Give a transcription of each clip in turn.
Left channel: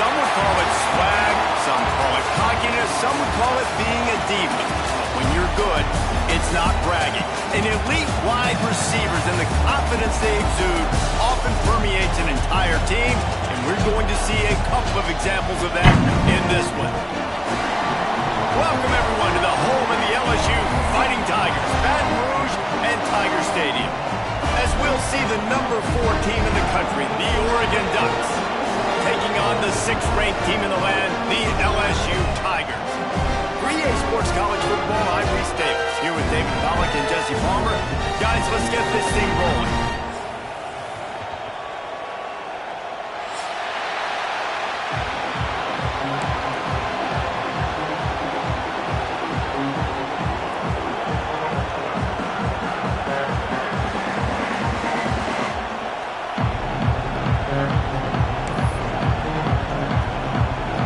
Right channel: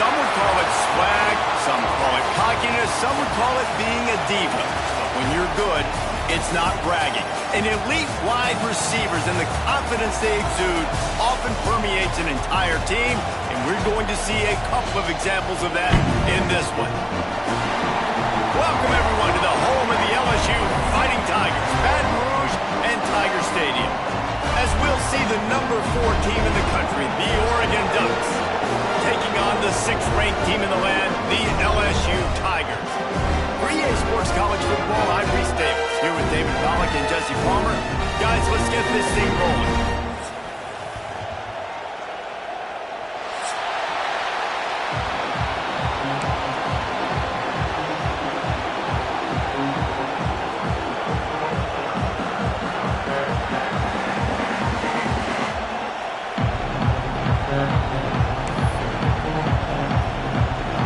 Some would call it swag, some call it cockiness, some would call it being a diva. But when you're good, it's not bragging. An elite wide receivers and the confidence they exude often permeates an entire team, and we're going to see a couple of examples of that in this one. Welcome, everyone, to the home of the LSU Fighting Tigers, Baton Rouge and Tiger Stadium. As we'll see the number 4 team in the country, the Oregon Ducks, taking on the 6th-ranked team in the land, the LSU Tigers. For EA Sports College Football, I'm Reese Davis, here with David Pollack and Jesse Palmer. Guys, let's get this thing rolling.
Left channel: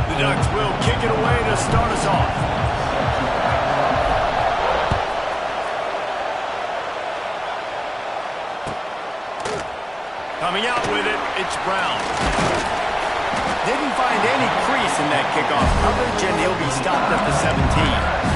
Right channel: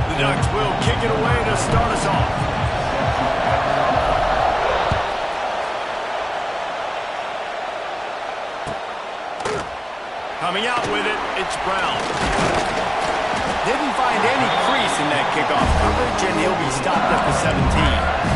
The Ducks will kick it away to start us off. Coming out with it, it's Brown. Didn't find any crease in that kickoff coverage, and he'll be stopped at the 17.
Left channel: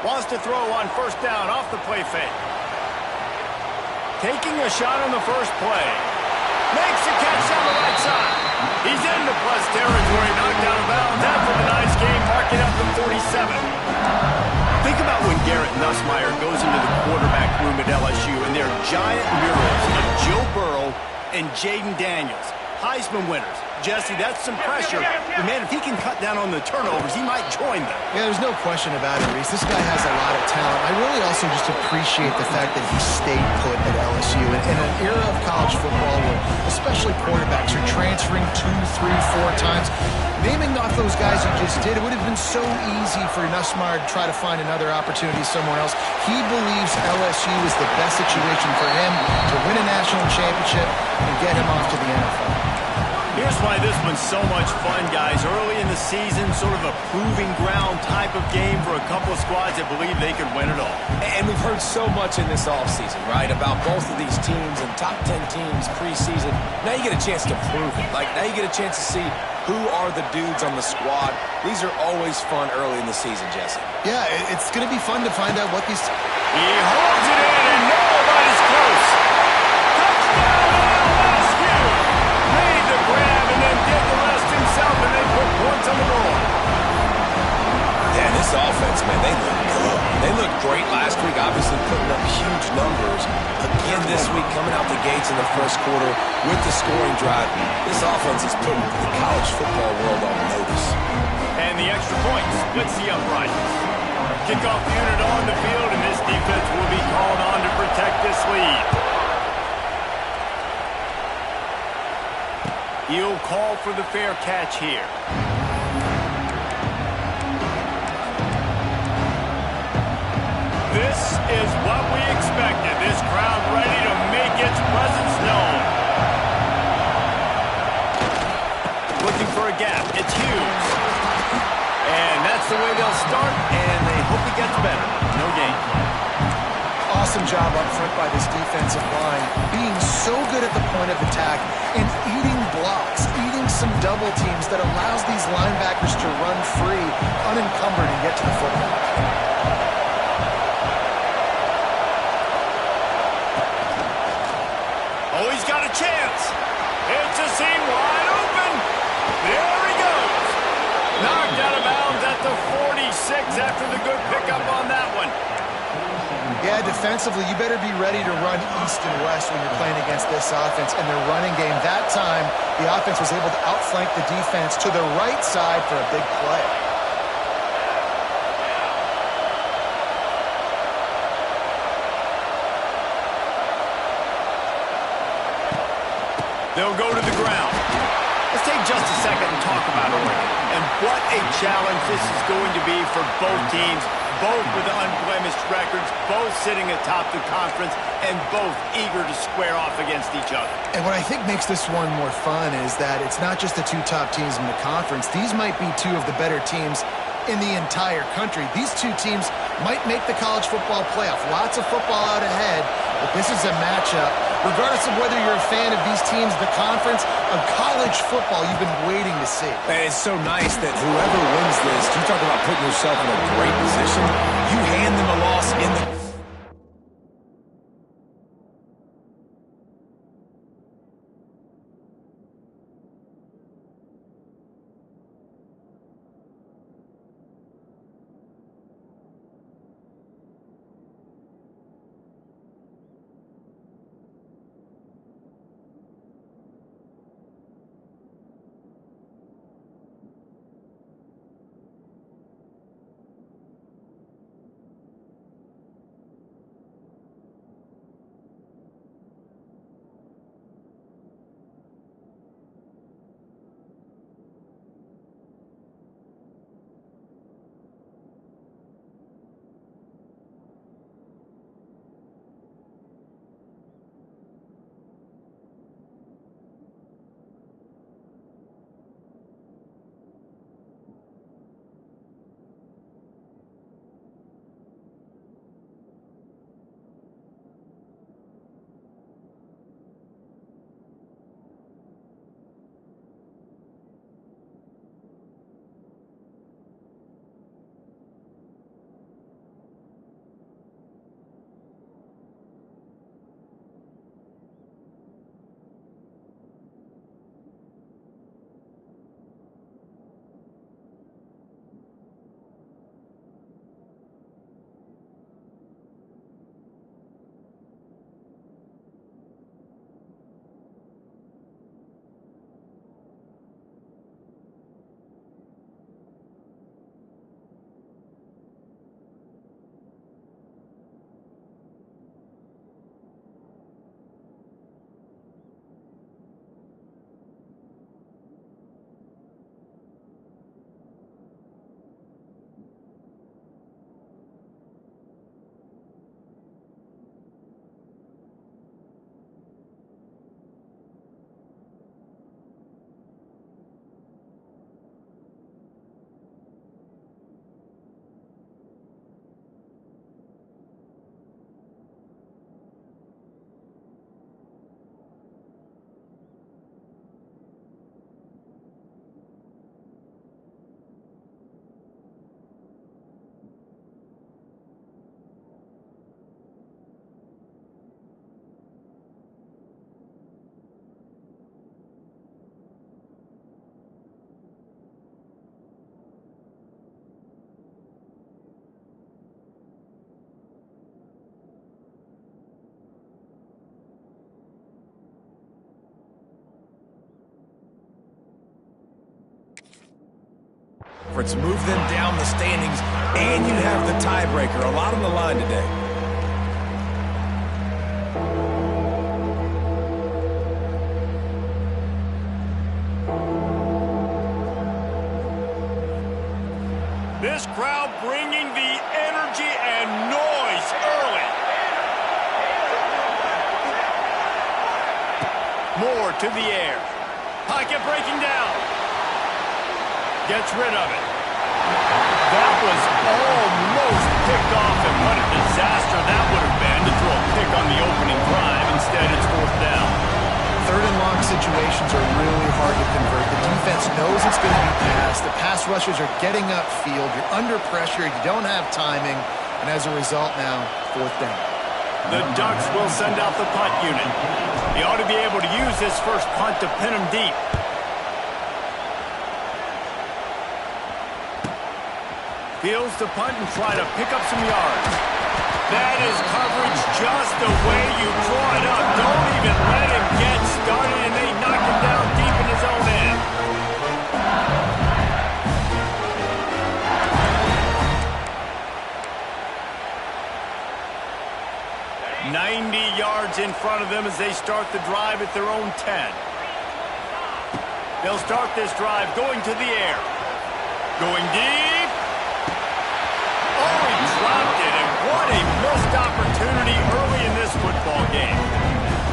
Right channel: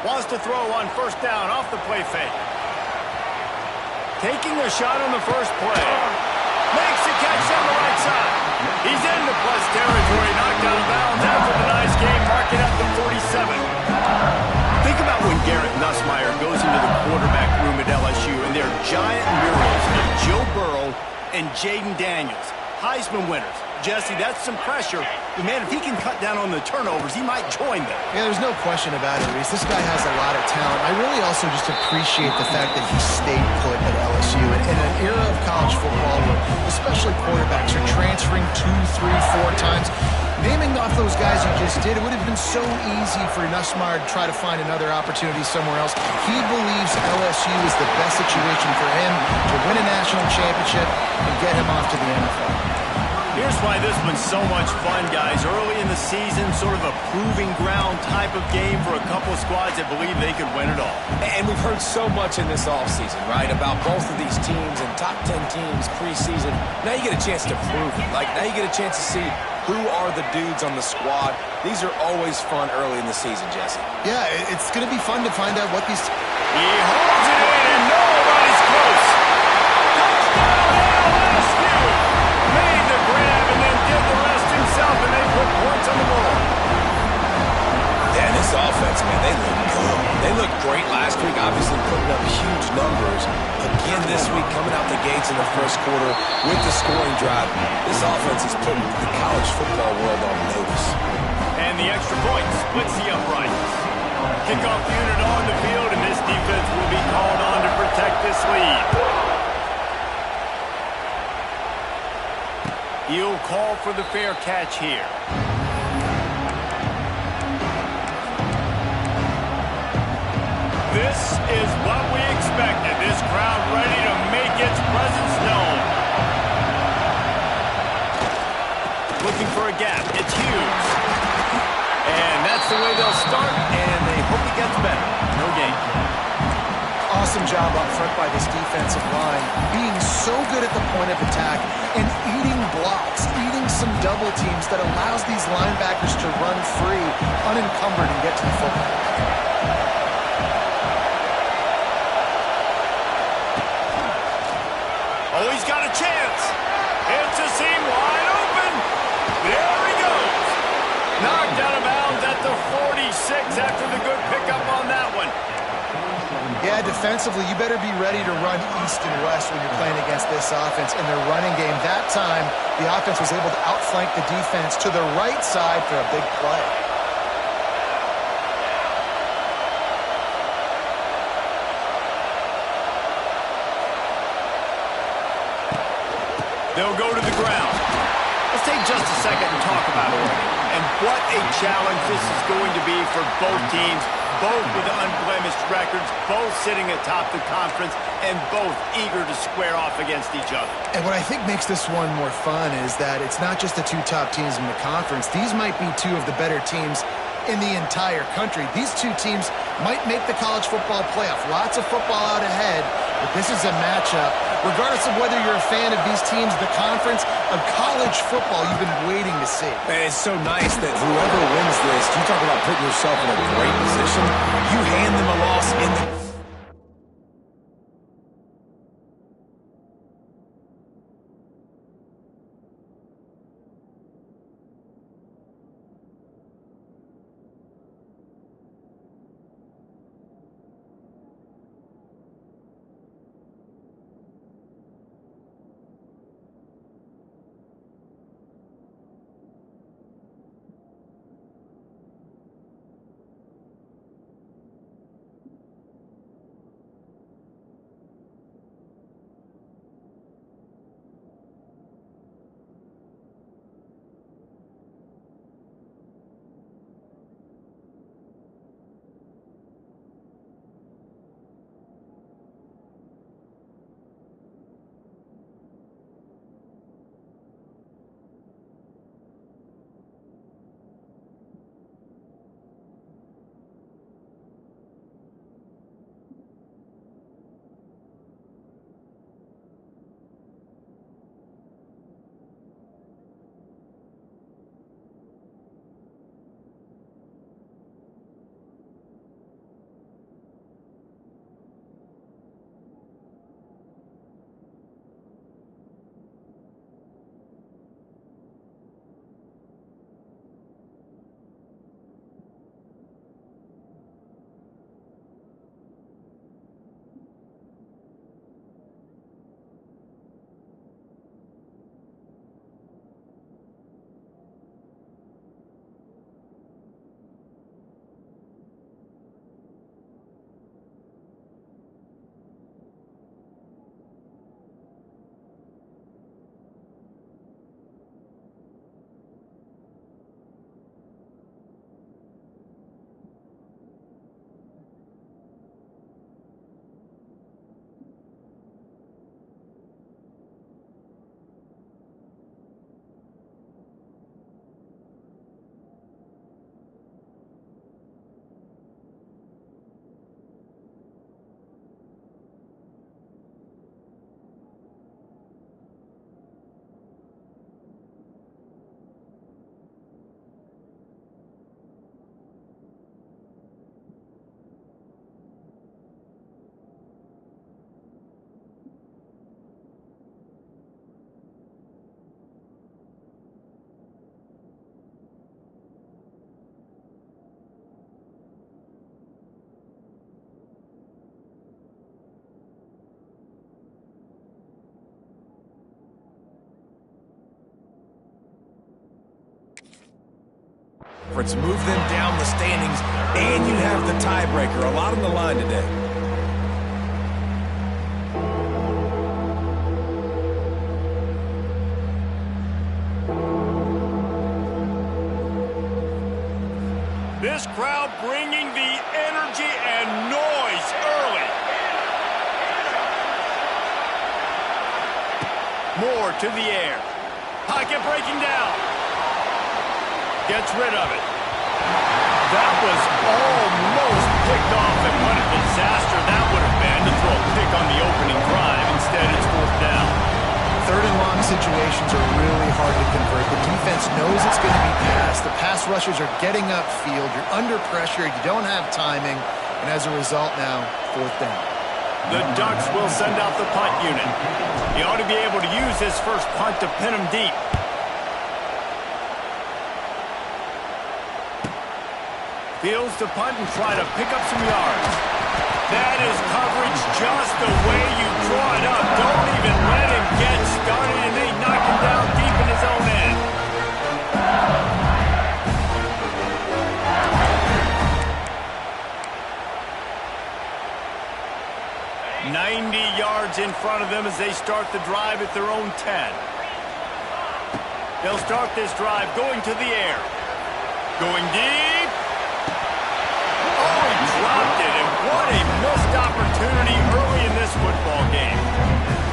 Wants to throw on first down off the play fake. Taking a shot on the first play. Makes the catch down the right side. He's into plus territory, knocked out of bounds after the nice game, marking at the 47. Think about when Garrett Nussmeier goes into the quarterback room at LSU and there are giant murals of Joe Burrow and Jaden Daniels, Heisman winners. Jesse, that's some pressure. But, man, if he can cut down on the turnovers, he might join them. Yeah, there's no question about it, Reese. This guy has a lot of talent. I really also just appreciate the fact that he stayed put at LSU. And in an era of college football where especially quarterbacks are transferring 2, 3, 4 times, naming off those guys you just did, it would have been so easy for Nussmeier to try to find another opportunity somewhere else. He believes LSU is the best situation for him to win a national championship and get him off to the NFL. Here's why this one's so much fun, guys. Early in the season, sort of a proving ground type of game for a couple of squads that believe they could win it all. And we've heard so much in this offseason, right, about both of these teams and top 10 teams preseason. Now you get a chance to prove it. Like, now you get a chance to see who are the dudes on the squad. These are always fun early in the season, Jesse. Yeah, it's going to be fun to find out what these... He holds it in, and nobody's close. Touchdown, LSU! Made the grab and then did the rest himself, and they put points on the board. Yeah, this offense, man, they look good. They looked great last week, obviously putting up huge numbers. Again this week, coming out the gates in the first quarter with the scoring drive. This offense is putting the college football world on notice. And the extra point splits the uprights. Kickoff unit on the field, and this defense will be called on to protect this lead. He'll call for the fair catch here. This is what we expected. This crowd ready to make its presence known. Looking for a gap. It's Hughes. And that's the way they'll start, and they hope it gets better. No gain. Awesome job up front by this defensive line, being so good at the point of attack and eating blocks, eating some double teams that allows these linebackers to run free, unencumbered, and get to the football. Oh, he's got a chance. It's a seam wide open. There he goes. Knocked out of bounds at the 46 after the good pickup on that one. Yeah, defensively, you better be ready to run east and west when you're playing against this offense and their running game. That time, the offense was able to outflank the defense to the right side for a big play. They'll go to the ground. Let's take just a second and talk about Oregon and what a challenge this is going to be for both teams both with unblemished records, both sitting atop the conference, and both eager to square off against each other. And what I think makes this one more fun is that it's not just the two top teams in the conference. These might be two of the better teams in the entire country. These two teams might make the college football playoff. Lots of football out ahead, but this is a matchup. Regardless of whether you're a fan of these teams, the conference, of college football you've been waiting to see. And it's so nice that whoever wins this, you talk about putting yourself in a great position, you hand them a loss in the... To move them down the standings, and you have the tiebreaker. A lot on the line today. This crowd bringing the energy and noise early. Moore to the air. Pocket breaking down. Gets rid of it. That was almost picked off, and what a disaster that would have been to throw a pick on the opening drive. Instead, it's fourth down. Third and long situations are really hard to convert. The defense knows it's going to be passed. The pass rushers are getting upfield. You're under pressure. You don't have timing. And as a result now, fourth down. The Ducks will send out the punt unit. He ought to be able to use his first punt to pin him deep. Fields to punt and try to pick up some yards. That is coverage just the way you draw it up. Don't even let him get started, and they knock him down deep in his own end. 90 yards in front of them as they start the drive at their own 10. They'll start this drive going to the air. Going deep. Oh, he dropped it, and what a missed opportunity early in this football game.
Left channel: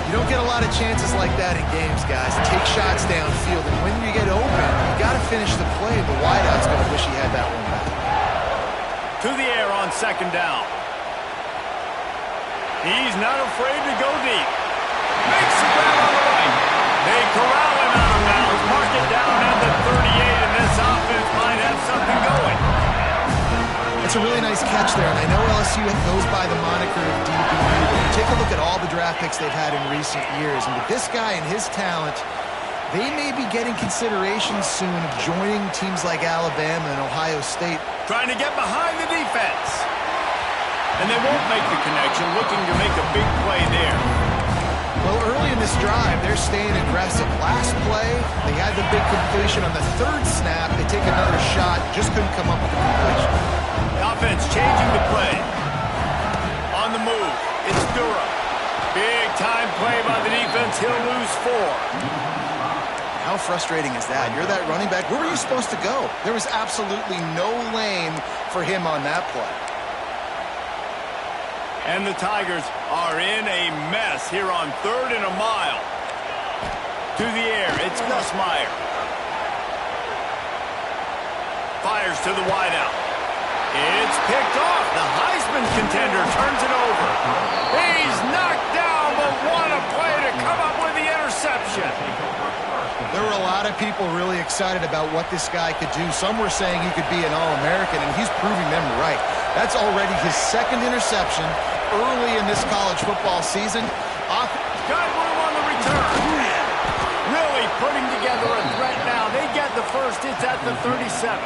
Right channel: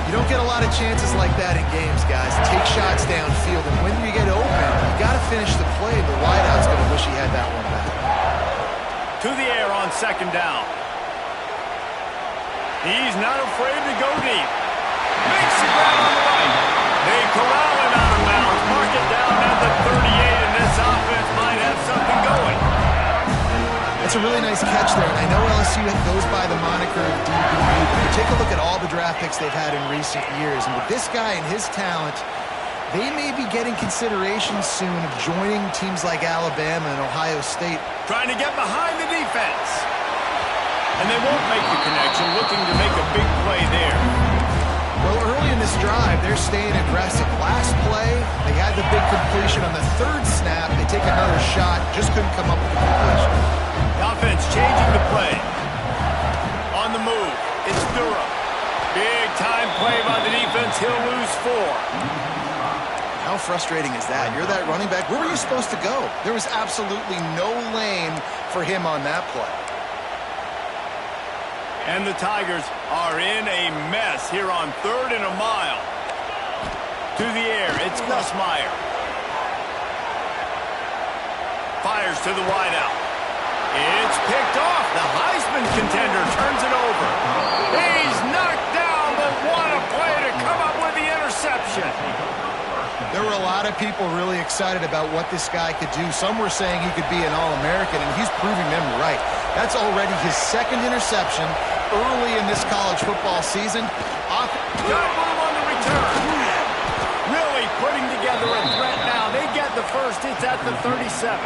You don't get a lot of chances like that in games, guys. Take shots downfield, and when you get open, you got to finish the play. The wideout's going to wish he had that one back. To the air on second down. He's not afraid to go deep. Makes the grab on the right. They corral him out of bounds. Mark it down at the 38, and this offense might have something going. That's a really nice catch there, and I know LSU goes by the moniker of DBU, but you take a look at all the draft picks they've had in recent years, and with this guy and his talent, they may be getting consideration soon of joining teams like Alabama and Ohio State. Trying to get behind the defense. And they won't make the connection, looking to make a big play there. Well, early in this drive, they're staying aggressive. Last play, they had the big completion. On the third snap, they take another shot, just couldn't come up with the completion. The offense changing the play. On the move, it's Durham. Big time play by the defense. He'll lose 4. How frustrating is that? You're that running back. Where were you supposed to go? There was absolutely no lane for him on that play. And the Tigers are in a mess here on 3rd and a mile. To the air, it's Nussmeier. Fires to the wideout. It's picked off. The Heisman contender turns it over. He's knocked down, but what a play to come up with the interception. There were a lot of people really excited about what this guy could do. Some were saying he could be an All-American, and he's proving them right. That's already his 2nd interception early in this college football season. Got room on the return. Really putting together a threat now. They get the first. It's at the 37.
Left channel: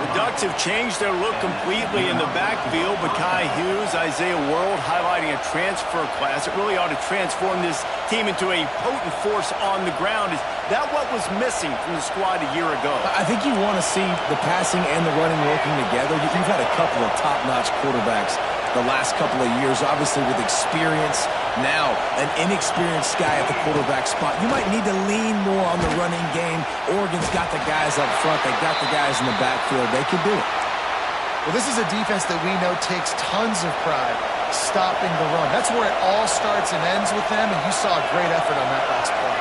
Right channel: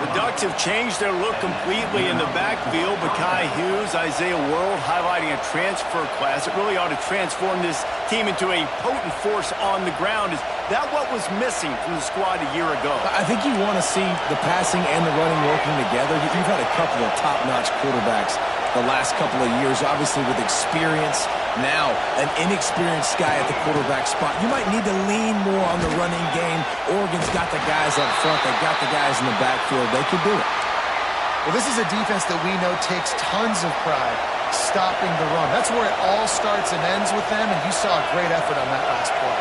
The Ducks have changed their look completely in the backfield. Mekhi Hughes, Isaiah World highlighting a transfer class. It really ought to transform this team into a potent force on the ground. Is that what was missing from the squad a year ago? I think you want to see the passing and the running working together. You've had a couple of top-notch quarterbacks the last couple of years, obviously with experience. Now, an inexperienced guy at the quarterback spot. You might need to lean more on the running game. Oregon's got the guys up front. They got the guys in the backfield. They can do it. Well, this is a defense that we know takes tons of pride stopping the run. That's where it all starts and ends with them, and you saw a great effort on that last play.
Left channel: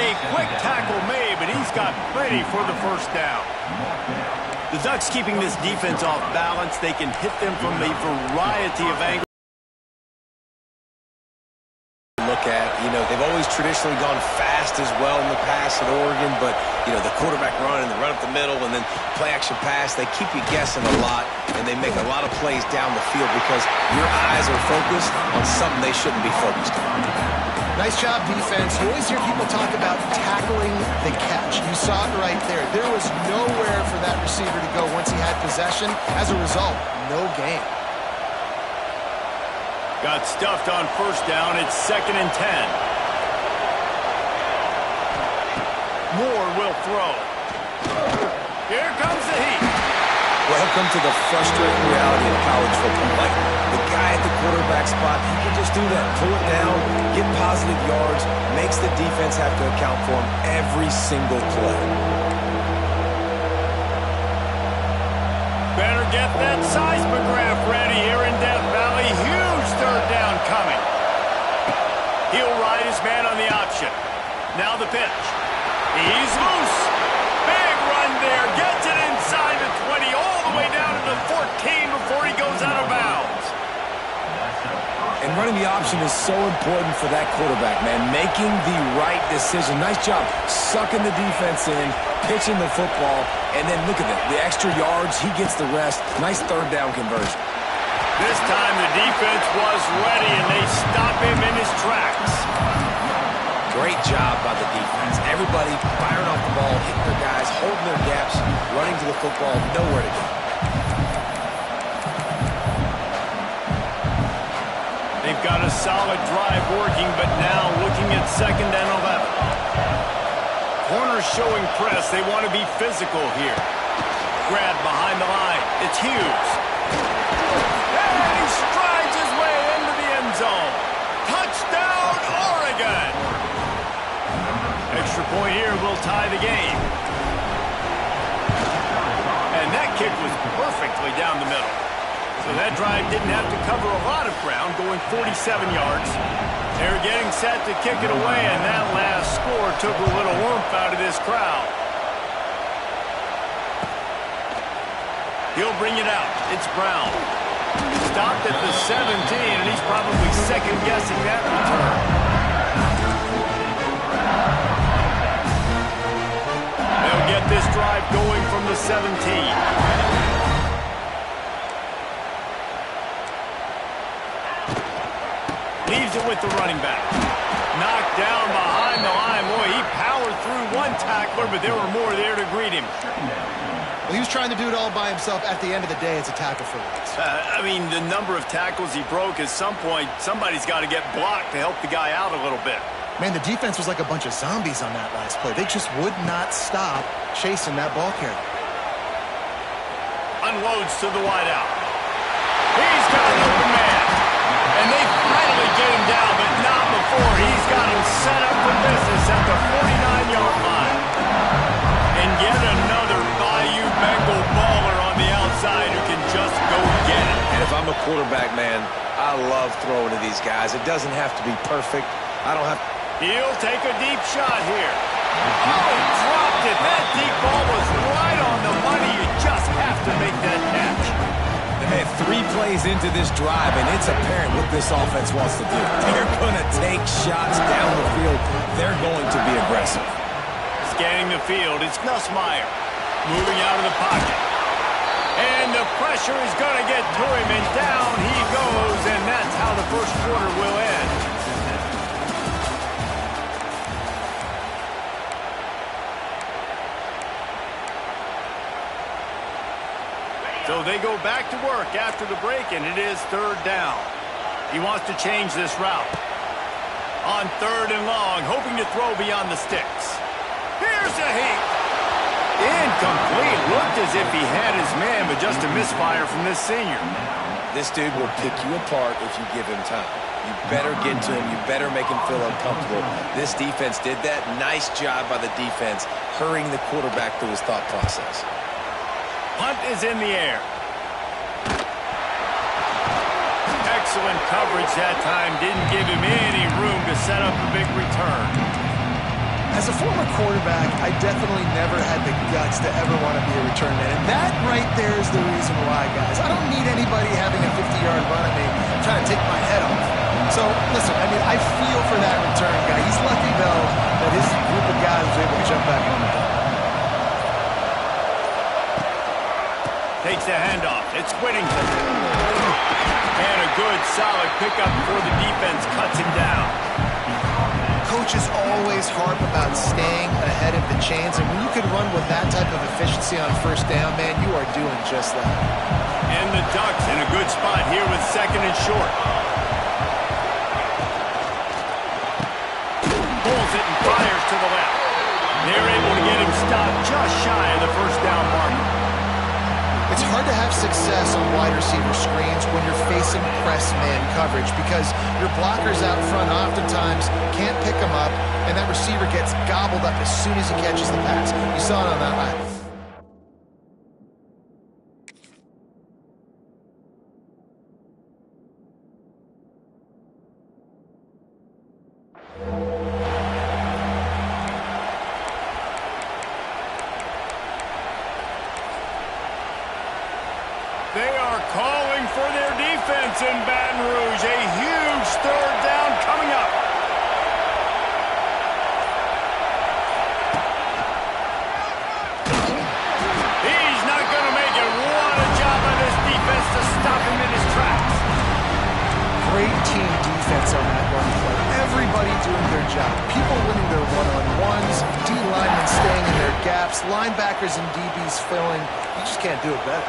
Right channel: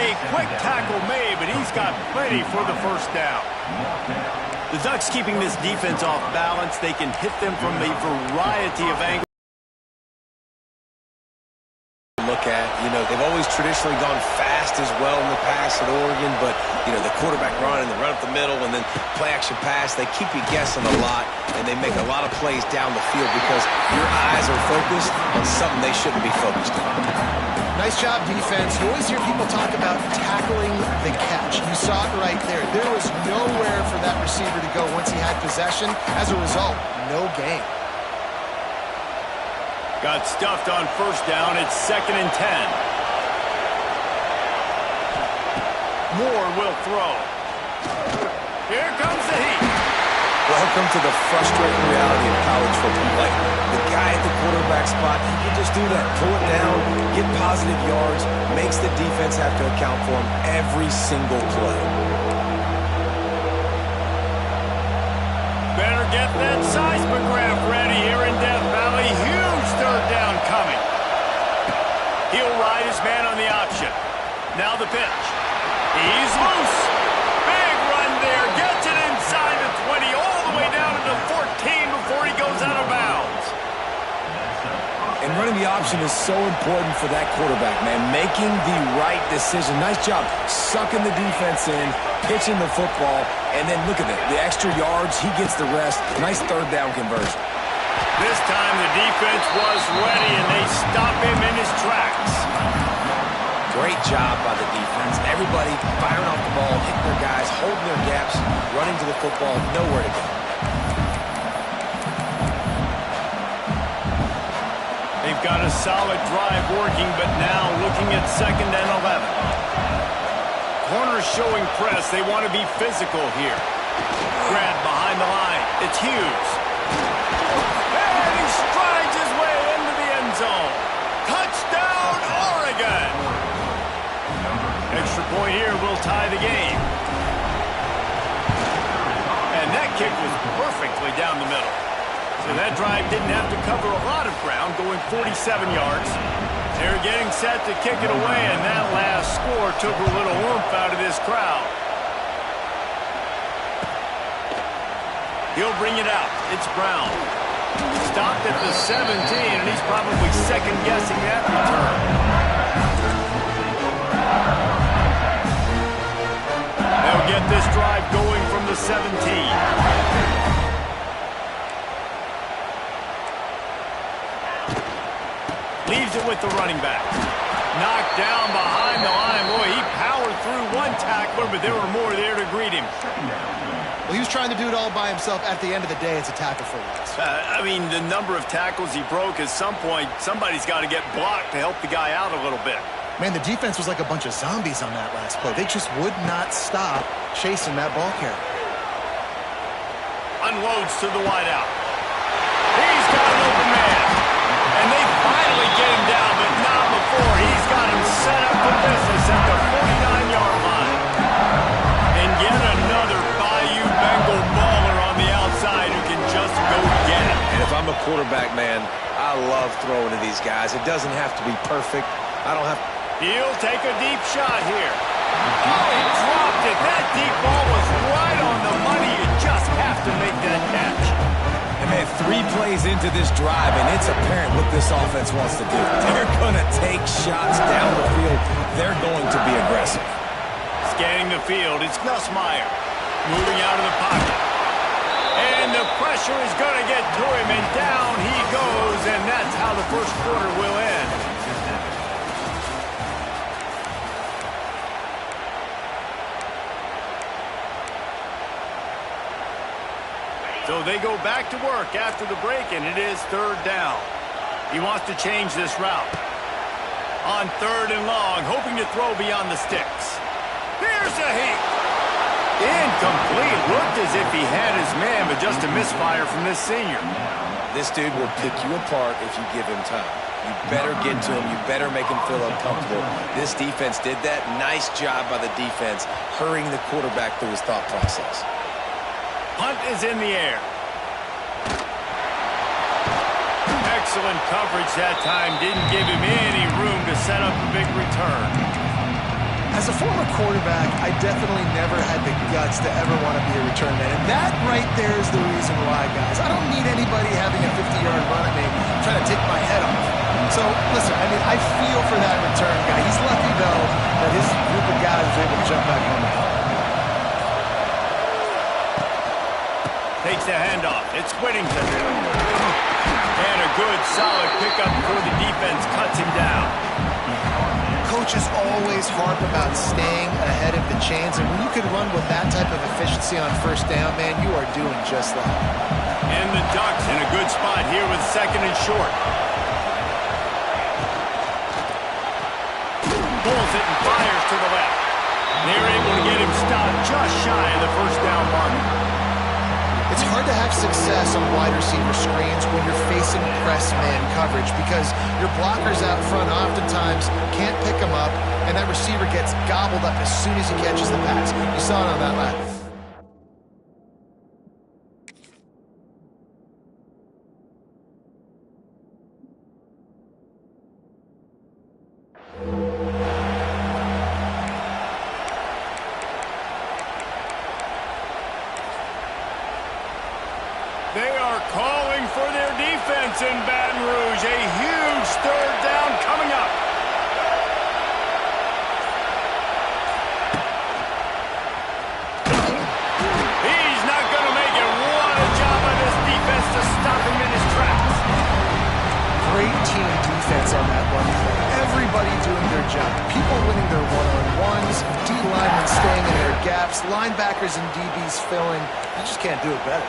A quick tackle made, but he's got plenty for the first down. The Ducks keeping this defense off balance. They can hit them from a variety of angles. Look at, they've always traditionally gone fast as well in the past at Oregon, but, the quarterback run and the run up the middle and then play action pass, they keep you guessing a lot, and they make a lot of plays down the field because your eyes are focused on something they shouldn't be focused on. Nice job, defense. You always hear people talk about tackling the catch. You saw it right there. There was nowhere for that receiver to go once he had possession. As a result, no gain. Got stuffed on first down. It's 2nd and 10. Moore will throw. Here comes the heat. Welcome to the frustrating reality of college football. Like, the guy at the quarterback spot, he can just do that. Pull it down, get positive yards, makes the defense have to account for him every single play. Better get that seismograph ready here in Death Valley. Huge 3rd down coming. He'll ride his man on the option. Now the pitch. He's loose. Big run there. Gets it inside the 20, all the way down to the 14 before he goes out of bounds. And running the option is so important for that quarterback, man. Making the right decision. Nice job sucking the defense in, pitching the football, and then look at that. The extra yards, he gets the rest. Nice 3rd down conversion. This time the defense was ready, and they stop him in his tracks. Great job by the defense. Everybody firing off the ball, hitting their guys, holding their gaps, running to the football, nowhere to go. They've got a solid drive working, but now looking at 2nd and 11. Corners showing press. They want to be physical here. Grab behind the line. It's Hughes. And he strides his way into the end zone. Touchdown, Oregon! Extra point here will tie the game. And that kick was perfectly down the middle. So that drive didn't have to cover a lot of ground, going 47 yards. They're getting set to kick it away, and that last score took a little oomph out of this crowd. He'll bring it out. It's Brown. Stopped at the 17, and he's probably second-guessing that return. They'll get this drive going from the 17. Leaves it with the running back. Knocked down behind the line. Boy, he powered through one tackler, but there were more there to greet him. Well, he was trying to do it all by himself. At the end of the day, it's a tackle for loss. I mean, the number of tackles he broke, at some point, somebody's got to get blocked to help the guy out a little bit. Man, the defense was like a bunch of zombies on that last play. They just would not stop chasing that ball carrier. Unloads to the wideout. He's got an open man. And they finally get him down, but not before. He's got him set up for business at the 49-yard line. And yet another Bayou Bengal baller on the outside who can just go get it. And if I'm a quarterback, man, I love throwing to these guys. It doesn't have to be perfect. I don't have... He'll take a deep shot here. Oh, he dropped it. That deep ball was right on the money. You just have to make that catch. And man, 3 plays into this drive, and it's apparent what this offense wants to do. They're going to take shots down the field. They're going to be aggressive. Scanning the field, it's Nussmeier. Moving out of the pocket. And the pressure is going to get to him, and down he goes, and that's how the first quarter will end. So they go back to work after the break, and it is third down. He wants to change this route. On third and long, hoping to throw beyond the sticks. Here's a heat. Incomplete. Looked as if he had his man, but just a misfire from this senior. This dude will pick you apart if you give him time. You better get to him. You better make him feel uncomfortable. This defense did that. Nice job by the defense, hurrying the quarterback through his thought process. Punt is in the air. Excellent coverage that time. Didn't give him any room to set up a big return. As a former quarterback, I definitely never had the guts to ever want to be a return man. And that right there is the reason why, guys. I don't need anybody having a 50-yard run at me trying to take my head off. So, listen, I mean, I feel for that return guy. He's lucky, though, that his group of guys was able to jump back on the ball. Takes the handoff. It's Whittington. And a good, solid pickup before the defense cuts him down. Coaches always harp about staying ahead of the chains, and when you can run with that type of efficiency on first down, man, you are doing just that. And the Ducks in a good spot here with second and short. Pulls it and fires to the left. They're able to get him stopped just shy of the first down marker. It's hard to have success on wide receiver screens when you're facing press man coverage because your blockers out front oftentimes can't pick them up, and that receiver gets gobbled up as soon as he catches the pass. You saw it on that lap. They are calling for their defense in Baton Rouge. A huge third down coming up. He's not going to make it. What a job by this defense to stop him in his tracks. Great team defense on that run play. Everybody doing their job. People winning their one-on-ones, D-linemen staying in their gaps, linebackers and DBs filling. You just can't do it better.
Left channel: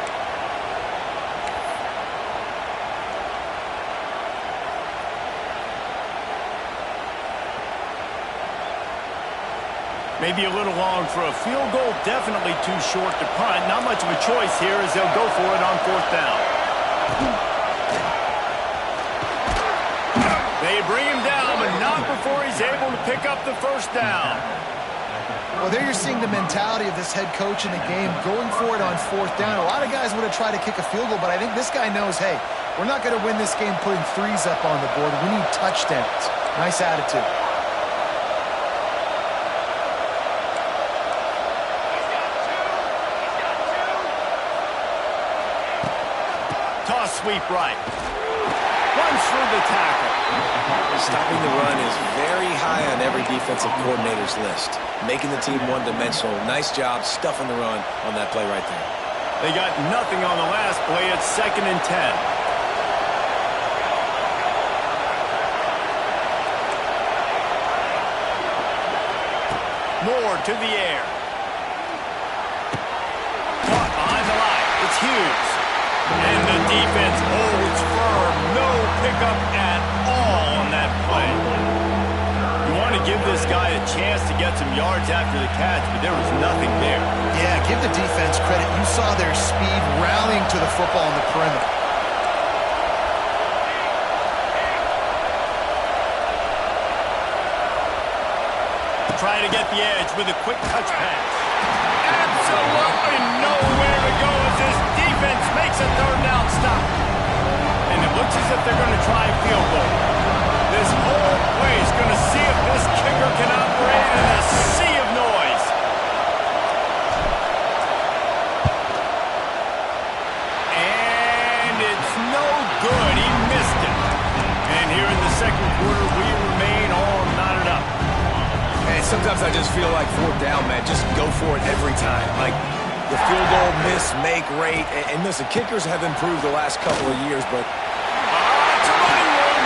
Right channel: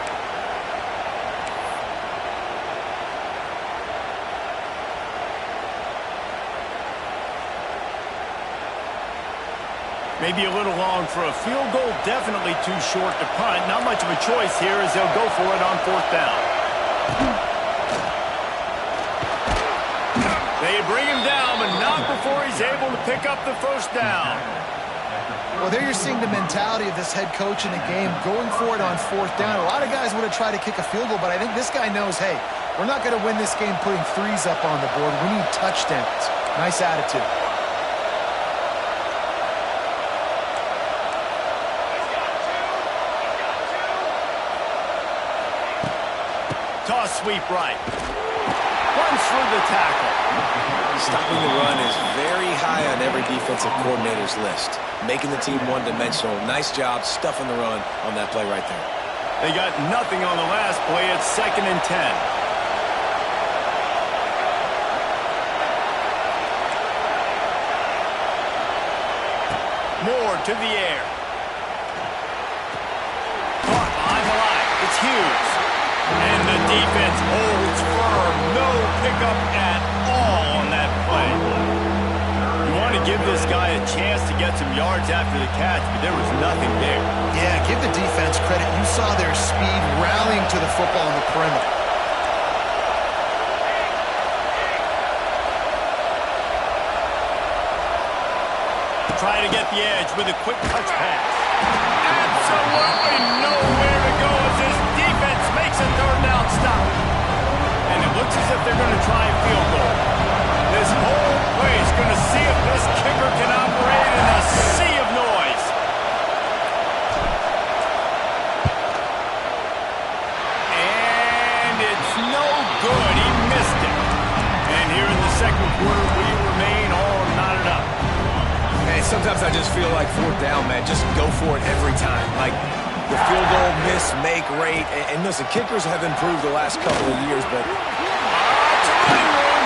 Maybe a little long for a field goal, definitely too short to punt. Not much of a choice here as they'll go for it on fourth down. They bring him down, but not before he's able to pick up the first down. Well, there you're seeing the mentality of this head coach in the game, going for it on 4th down. A lot of guys would have tried to kick a field goal, but I think this guy knows, hey, we're not going to win this game putting threes up on the board. We need touchdowns. Nice attitude. Toss sweep right. Runs through the tackle. Stopping the run is very high on every defensive coordinator's list. Making the team one-dimensional. Nice job stuffing the run on that play right there. They got nothing on the last play. It's 2nd and 10. Moore to the air. Caught behind the line. It's Hughes. And the defense holds firm. No pickup at all on that play. You want to give this guy a chance to get some yards after the catch, but there was nothing there. Yeah, give the defense credit. You saw their speed rallying to the football on the perimeter. Trying to get the edge with a quick touch pass. Absolutely nowhere to go as this defense makes a 3rd down stop. And it looks as if they're going to try a field goal. This whole play is going to see if this kicker can operate in a sea of noise. And it's no good. He missed it. And here in the 2nd quarter, we remain all knotted up. Hey, sometimes I just feel like 4th down, man. Just go for it every time. Like the field goal miss, make rate. And listen, kickers have improved the last couple of years, but... It's a running room.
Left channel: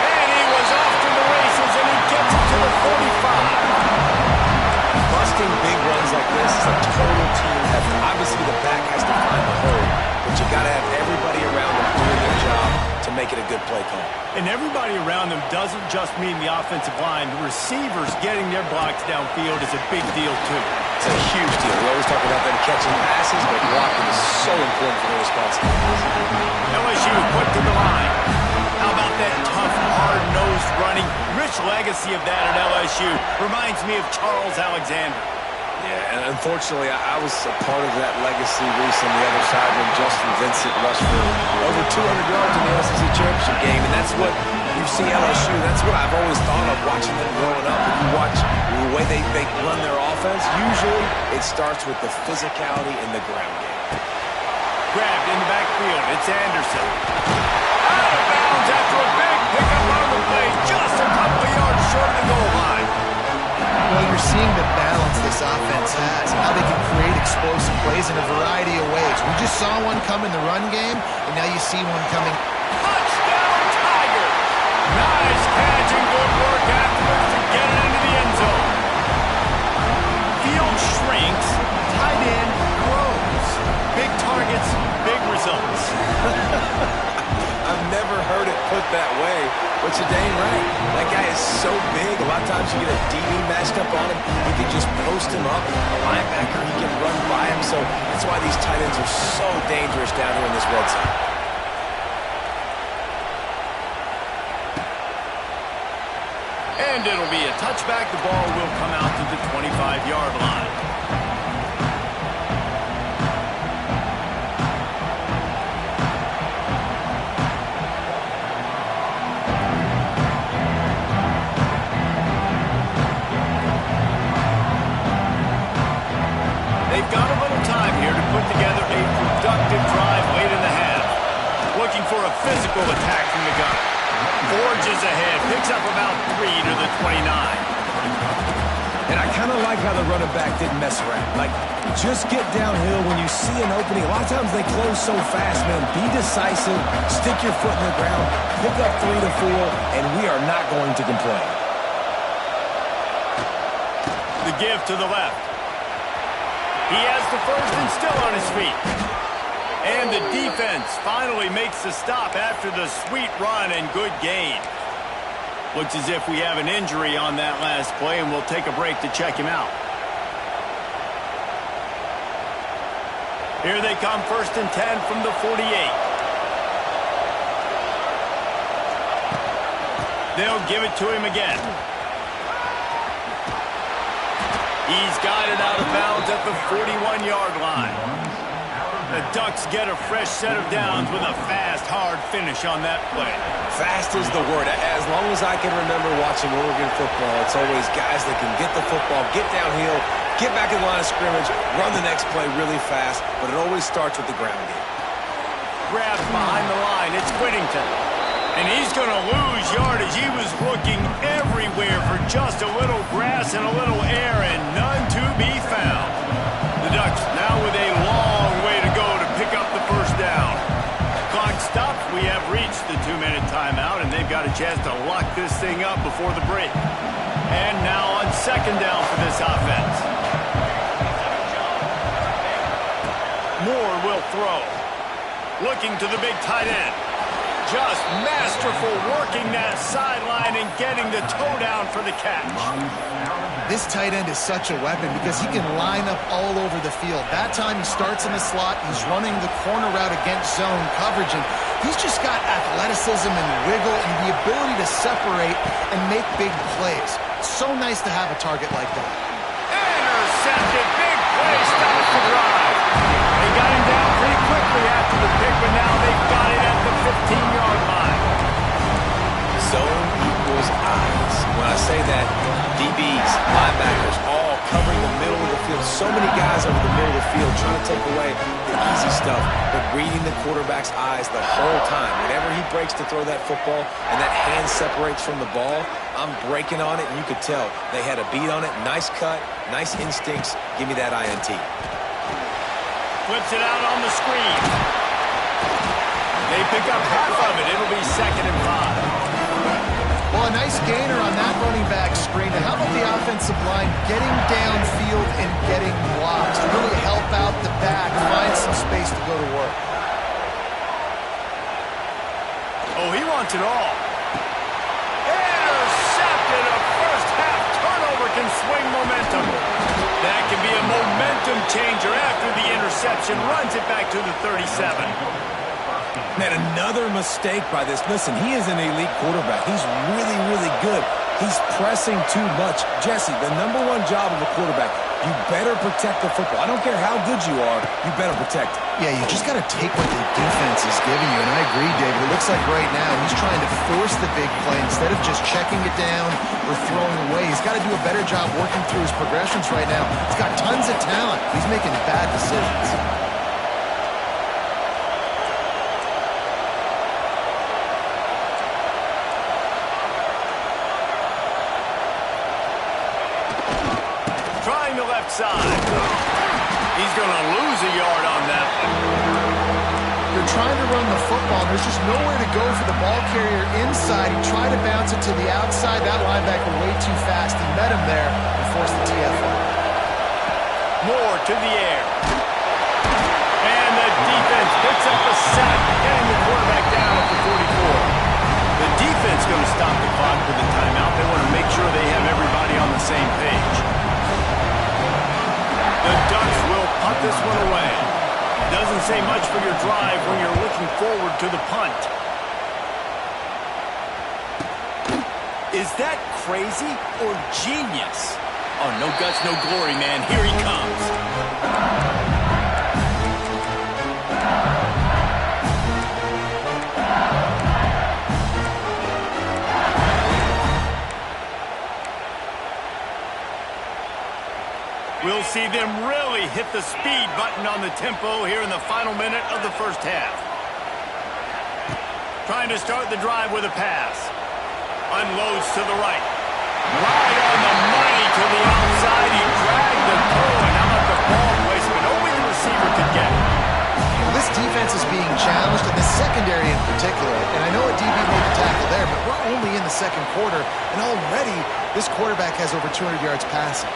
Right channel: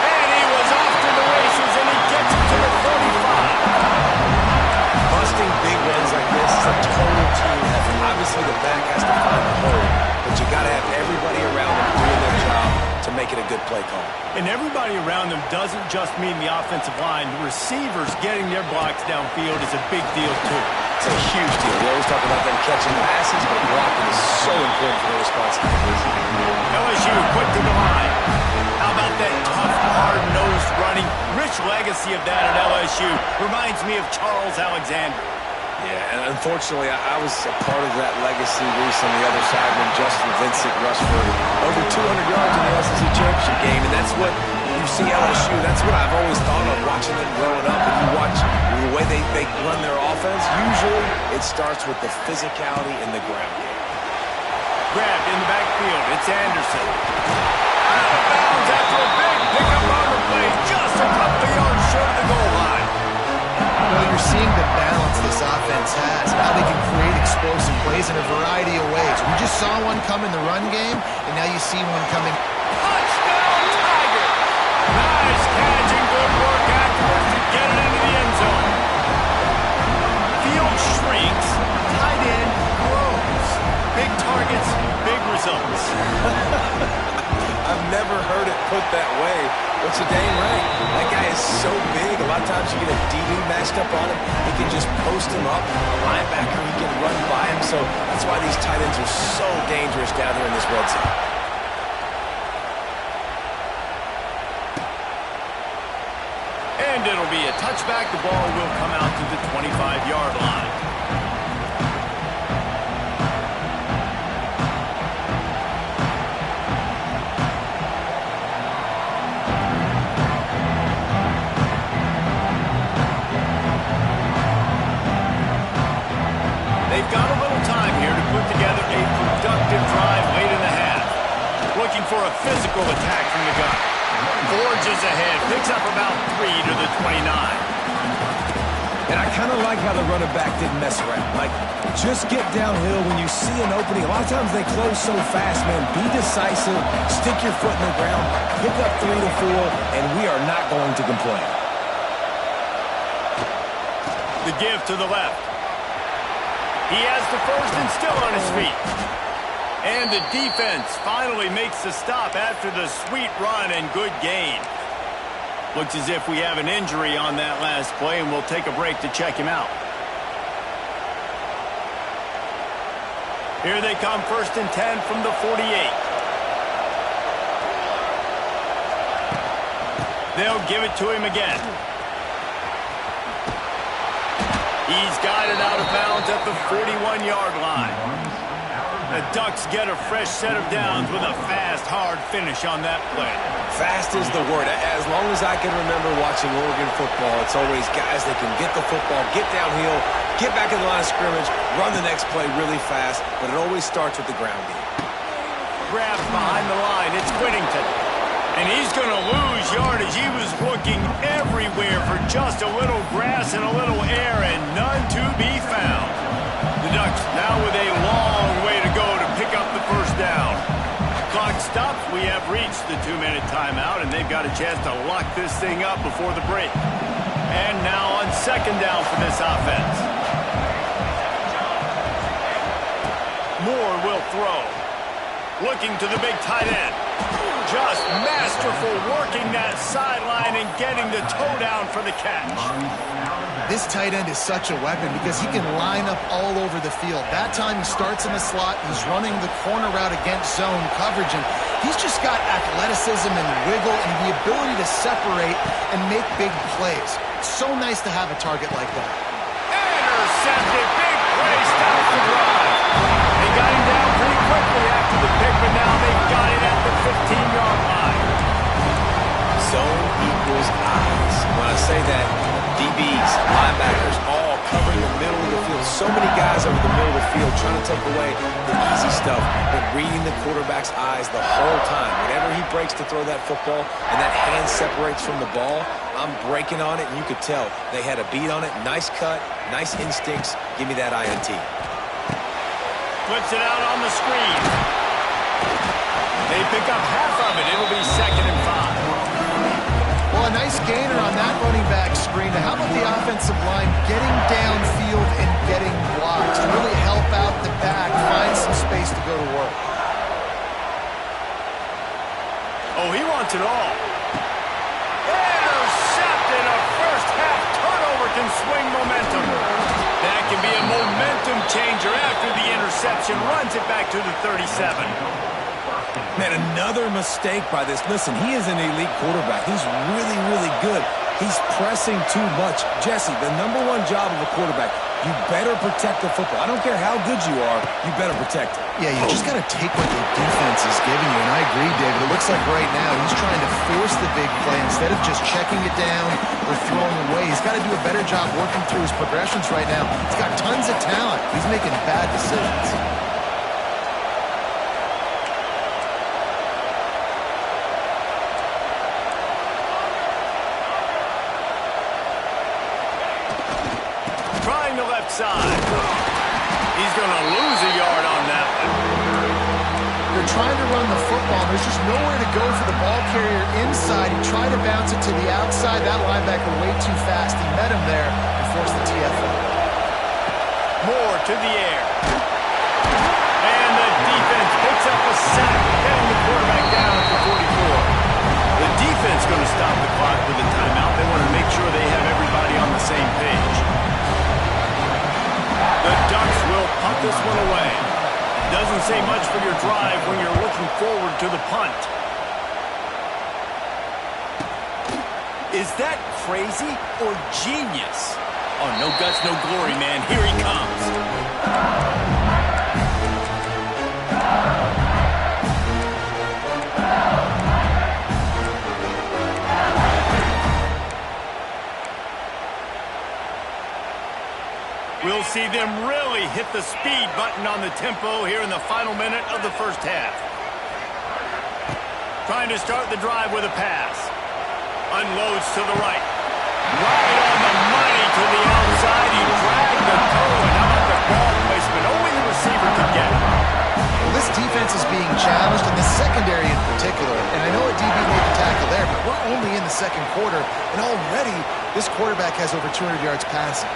And he was off to the races, and he gets it to the 45. Busting big runs like this is a total team effort. Obviously, the back has to find the hole, but you got to have everybody around them doing their job to make it a good play call. And everybody around them doesn't just mean the offensive line. The receivers getting their blocks downfield is a big deal, too. It's a huge deal. We always talk about them catching passes, but blocking is so important for their responsibilities. LSU quick to the line. How about that tough, hard-nosed running? Rich legacy of that at LSU. Reminds me of Charles Alexander. Yeah, and unfortunately, I was a part of that legacy, Reese, on the other side when Justin Vincent rushed for over 200 yards in the SEC championship game, and that's what you see LSU. That's what I've always thought of watching them growing up. And you watch the way they run their offense, usually it starts with the physicality in the ground game. Grabbed in the backfield. It's Anderson. Out of bounds after a big pickup on the play, just a couple of yards short of the goal line. Well, you're seeing the balance this offense has, how they can create explosive plays in a variety of ways. We just saw one come in the run game, and now you see one coming. Touchdown, Tiger! Nice catch and good work afterwards to get it into the end zone. Field shrinks, tight end grows. Big targets, big results. I've never heard it put that way, but you're dang right. That guy is so big. A lot of times you get a DB matched up on him. He can just post him up. A linebacker, he can run by him. So that's why these tight ends are so dangerous down here in this red zone. And it'll be a touchback. The ball will come out to the 25-yard line. They've got a little time here to put together a productive drive late in the half. Looking for a physical attack from the gun. Forges ahead, picks up about 3 to the 29. And I kind of like how the running back didn't mess around. Like, just get downhill when you see an opening. A lot of times they close so fast, man. Be decisive, stick your foot in the ground, pick up 3 to 4, and we are not going to complain. The give to the left. He has the first and still on his feet. And the defense finally makes the stop after the sweet run and good gain. Looks as if we have an injury on that last play, and we'll take a break to check him out. Here they come, 1st and 10 from the 48. They'll give it to him again. He's got it out of bounds at the 41-yard line. The Ducks get a fresh set of downs with a fast, hard finish on that play. Fast is the word. As long as I can remember watching Oregon football, it's always guys that can get the football, get downhill, get back in the line of scrimmage, run the next play really fast, but it always starts with the ground game. Grabs behind the line. It's Whittington. And he's going to lose yardage. He was looking everywhere for just a little grass and a little air, and none to be found. The Ducks now with a long way to go to pick up the first down. Clock stops. We have reached the 2-minute timeout, and they've got a chance to lock this thing up before the break. And now on second down for this offense. Moore will throw. Looking to the big tight end. Just masterful working that sideline and getting the toe down for the catch. This tight end is such a weapon because he can line up all over the field. That time he starts in the slot, he's running the corner route against zone coverage, and he's just got athleticism and wiggle and the ability to separate and make big plays. It's so nice to have a target like that. Intercepted, big play, stops the drive. They got him down pretty quickly after the pick, but now they've got it at the 15-yard line. Zone equals eyes. When I say that, DBs, linebackers, all covering the middle of the field. So many guys over the middle of the field trying to take away the easy stuff, but reading the quarterback's eyes the whole time. Whenever he breaks to throw that football and that hand separates from the ball, I'm breaking on it, and you could tell they had a beat on it. Nice cut, nice instincts. Give me that INT. Flips it out on the screen. They pick up half of it. It'll be 2nd and 5. Well, a nice gainer on that running back screen. Now, how about the offensive line getting downfield and getting blocks to really help out the back, find some space to go to work? Oh, he wants it all. Intercepted. A first-half turnover can swing momentum. That can be a momentum changer after the interception. Runs it back to the 37. Man, another mistake by this. Listen, he is an elite quarterback. He's really, really good. He's pressing too much. Jesse, the #1 job of a quarterback, you better protect the football. I don't care how good you are, you better protect it. Yeah, you just got to take what the defense is giving you. And I agree, David. It looks like right now he's trying to force the big play instead of just checking it down or throwing away. He's got to do a better job working through his progressions right now. He's got tons of talent. He's making bad decisions. Trying the left side. He's going to lose a yard on that one. They're trying to run the football, and there's just nowhere to go for the ball carrier inside. He tried to bounce it to the outside. That linebacker way too fast. He met him there and forced the TFL. Moore to the air. And the defense picks up a sack, getting the quarterback down at the 44. The defense going to stop the clock with a timeout. They want to make sure they have everybody on the same page. The Ducks will punt this one away. Doesn't say much for your drive when you're looking forward to the punt. Is that crazy or genius? Oh, no guts, no glory, man. Here he comes. We'll see them really hit the speed button on the tempo here in the final minute of the first half. Trying to start the drive with a pass. Unloads to the right. Right on the money to the outside. He dragged the toe, and how about the ball placement? Only the receiver could get it. Well, this defense is being challenged, and the secondary in particular. And I know a DB made the tackle there, but we're only in the second quarter, and already this quarterback has over 200 yards passing.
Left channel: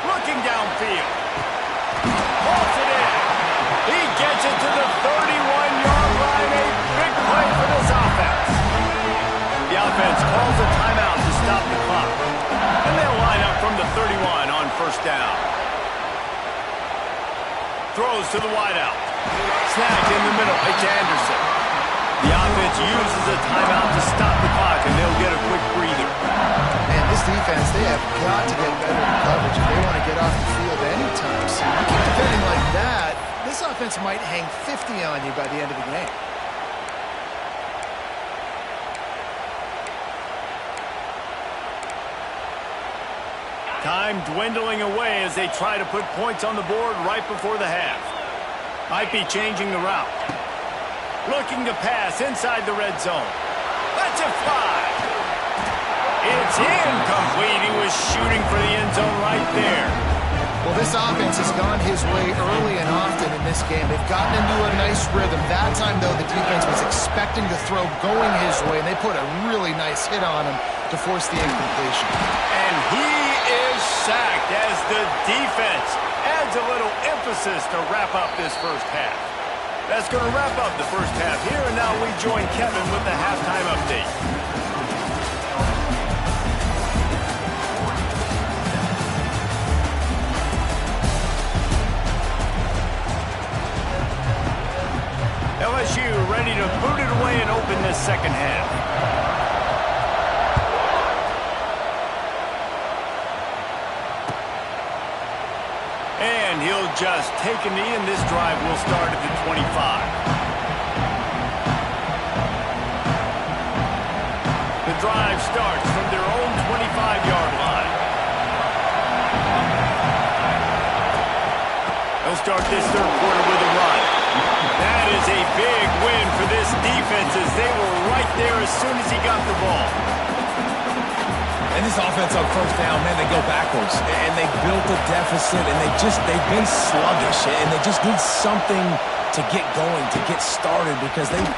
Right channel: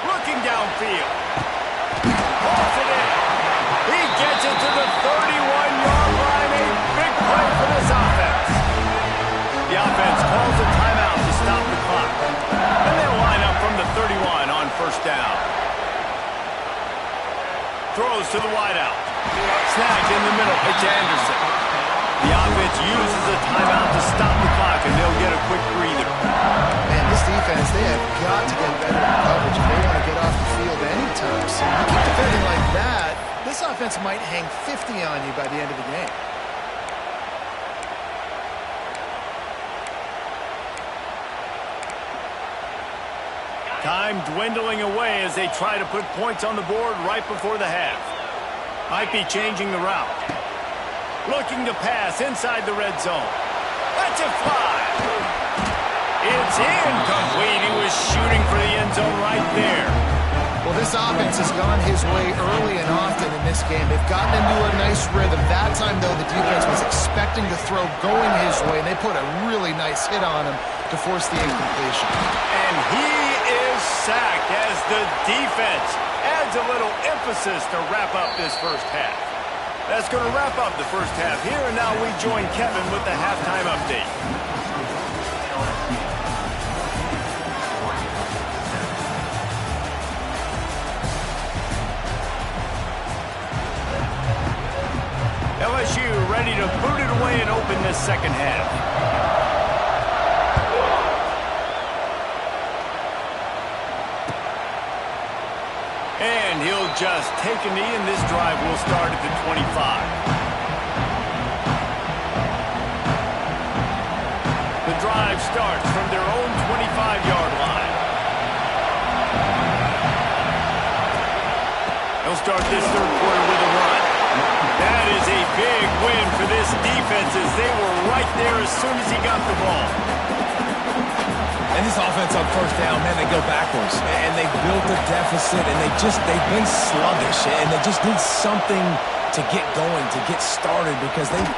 Looking downfield. Pulls it in. He gets it to the 31-yard line. A big play for this offense. The offense calls a timeout to stop the clock. And they'll line up from the 31 on first down. Throws to the wideout. Snagged in the middle. It's Anderson. The offense uses a timeout to stop the clock, and they'll get a quick breather. Man, this this defense, they have got to get better in coverage if they want to get off the field anytime soon. You keep defending like that, this offense might hang 50 on you by the end of the game. Time dwindling away as they try to put points on the board right before the half. Might be changing the route. Looking to pass inside the red zone. Lets it fly. It's incomplete. He was shooting for the end zone right there. Well, this offense has gone his way early and often in this game. They've gotten into a nice rhythm. That time, though, the defense was expecting to throw going his way, and they put a really nice hit on him to force the incompletion. And he is sacked as the defense adds a little emphasis to wrap up this first half. That's going to wrap up the first half here, and now we join Kevin with the halftime update. LSU ready to boot it away and open this second half. And he'll just take a knee, and this drive will start at the 25. The drive starts from their own 25-yard line. They'll start this third quarter with a run. That is a big win for this defense as they were right there as soon as he got the ball. And this offense on first down, man, they go backwards. And they built a deficit, and they've been sluggish. And they just need something to get going, to get started, because they've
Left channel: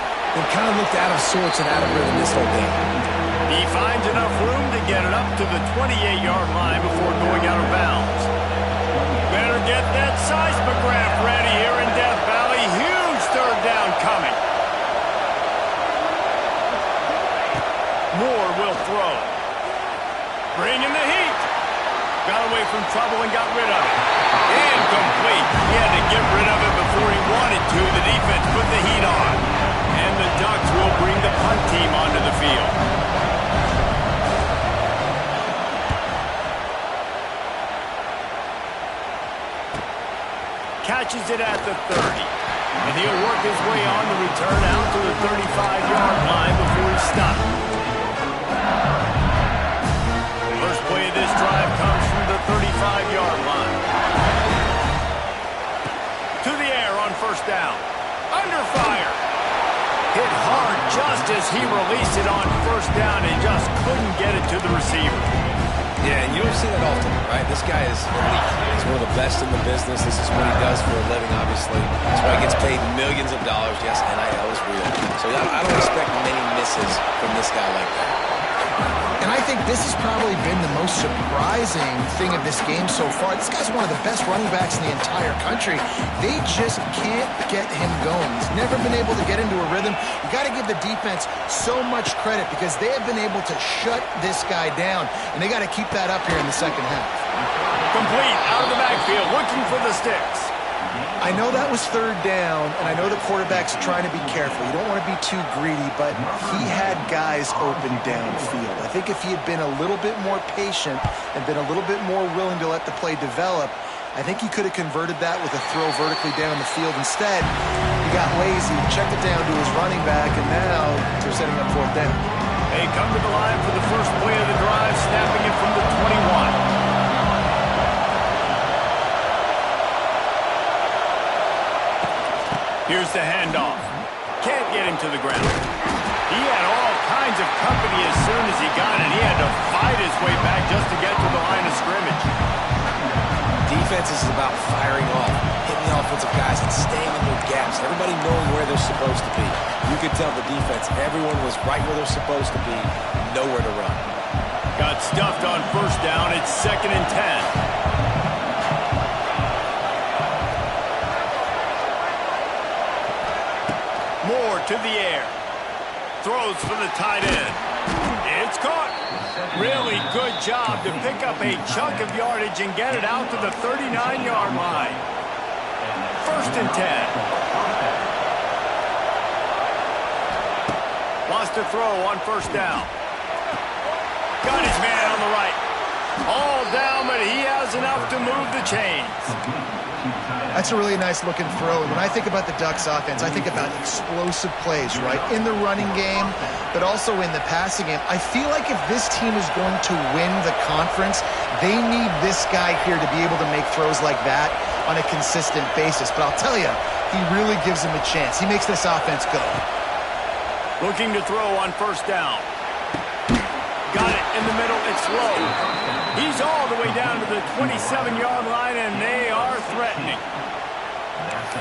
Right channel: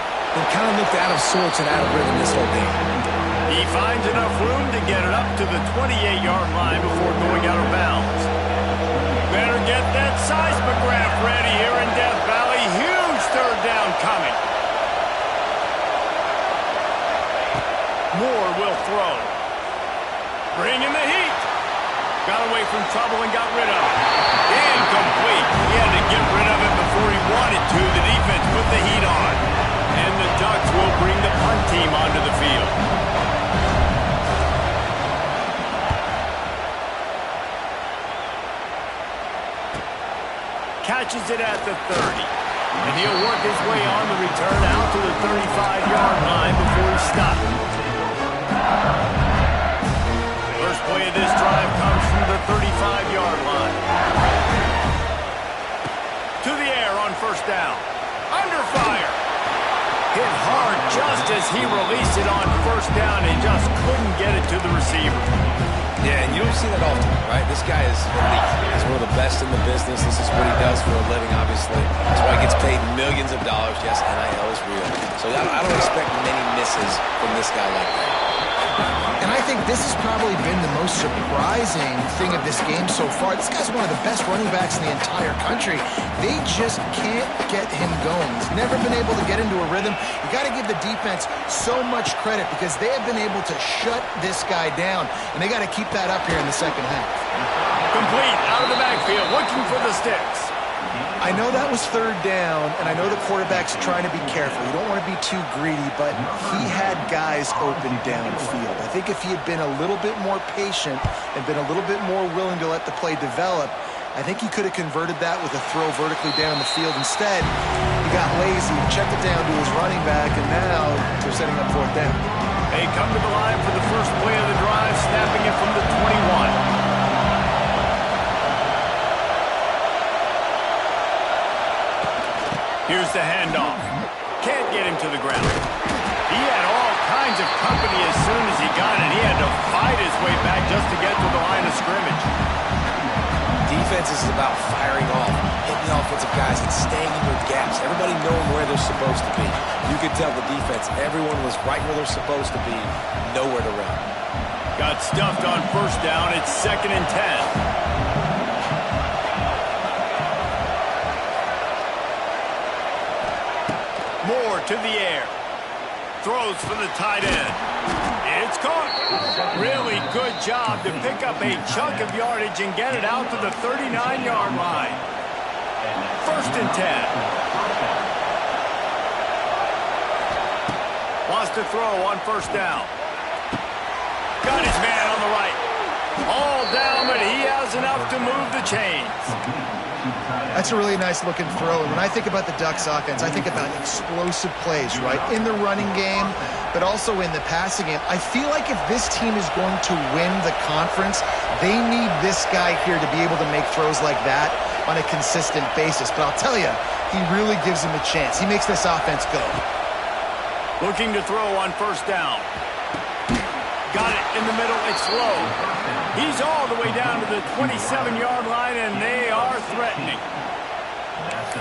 kind of looked out of sorts and out of rhythm this whole game. He finds enough room to get it up to the 28-yard line before going out of bounds. Better get that seismograph ready here in Death Valley. Huge third down coming. Moore will throw. Bringing the heat. Got away from trouble and got rid of it. Incomplete. He had to get rid of it before he wanted to. The defense put the heat on. And the Ducks will bring the punt team onto the field. Catches it at the 30. And he'll work his way on the return out to the 35-yard line before he's stopped. First play of this drive comes from the 35-yard line. To the air on first down. Under fire. Hit hard just as he released it on first down and just couldn't get it to the receiver. Yeah, and you don't see that often, right? This guy is elite. He's one of the best in the business. This is what he does for a living, obviously. That's why he gets paid millions of dollars. Yes, NIL is real. So I don't expect many misses from this guy like that. And I think this has probably been the most surprising thing of this game so far. This guy's one of the best running backs in the entire country. They just can't get him going. He's never been able to get into a rhythm. You got to give the defense so much credit because they have been able to shut this guy down, and they got to keep that up here in the second half. Complete out of the backfield, looking for the sticks. I know that was third down, and I know the quarterback's trying to be careful. You don't want to be too greedy, but he had guys open downfield. I think if he had been a little bit more patient and been a little bit more willing to let the play develop, I think he could have converted that with a throw vertically down the field. Instead, he got lazy, checked it down to his running back, and now they're setting up fourth down. They come to the line for the first play of the drive, snapping it from the 21. Here's the handoff. Can't get him to the ground. He had all kinds of company as soon as he got it. He had to fight his way back just to get to the line of scrimmage. Defense is about firing off, hitting the offensive guys, and staying in their gaps. Everybody knowing where they're supposed to be. You could tell the defense, everyone was right where they're supposed to be, nowhere to run. Got stuffed on first down. It's 2nd and 10. Moore to the air. Throws for the tight end. It's caught. Really good job to pick up a chunk of yardage and get it out to the 39-yard line. 1st and 10. Wants to throw on first down. Got his man on the right. All down, but he has enough to move the chains. That's a really nice looking throw. And when I think about the Ducks offense, I think about explosive plays, right? In the running game, but also in the passing game. I feel like if this team is going to win the conference, they need this guy here to be able to make throws like that on a consistent basis. But I'll tell you, he really gives them a chance. He makes this offense go. Looking to throw on first down. Got it in the middle. It's low. He's all the way down to the 27-yard line, and they are threatening.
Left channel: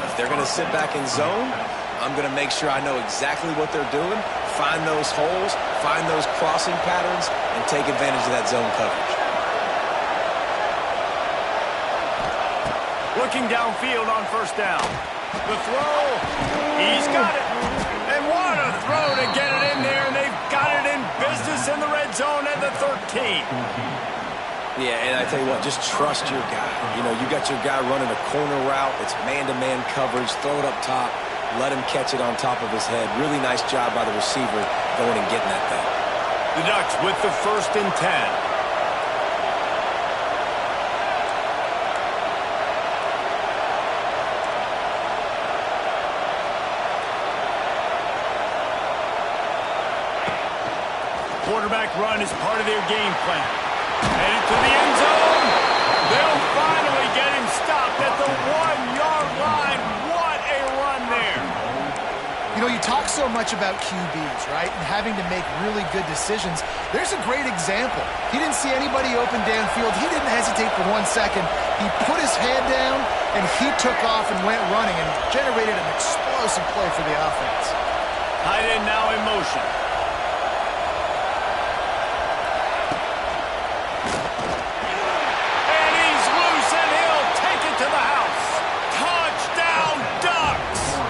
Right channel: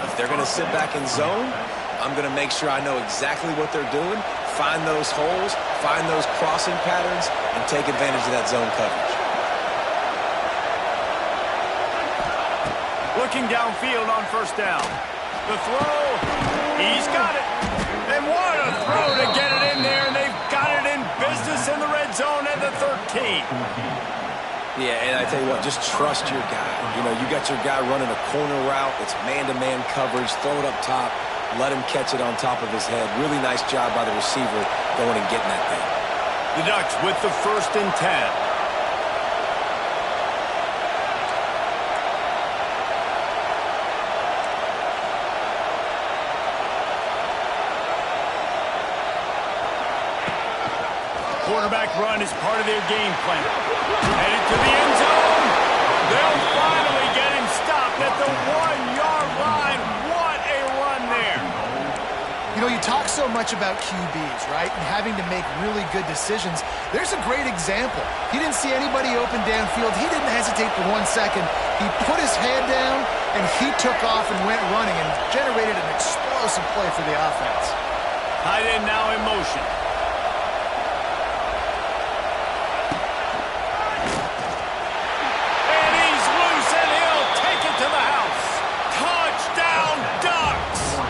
If they're going to sit back in zone, I'm going to make sure I know exactly what they're doing, find those holes, find those crossing patterns, and take advantage of that zone coverage. Looking downfield on first down. The throw. He's got it. And what a throw to get it in there, and they've got it in business in the red zone at the 13. Yeah, and I tell you what, just trust your guy. You know, you got your guy running a corner route. It's man-to-man coverage. Throw it up top. Let him catch it on top of his head. Really nice job by the receiver going and getting that thing. The Ducks with the 1st and 10. Quarterback run is part of their game plan. Headed to the end zone. They'll finally get him stopped at the 1-yard line. What a run there. You know, you talk so much about QBs, right, and having to make really good decisions. There's a great example. He didn't see anybody open downfield. He didn't hesitate for 1 second. He put his head down, and he took off and went running and generated an explosive play for the offense. Tight end now in motion. To the house. Touchdown, Ducks!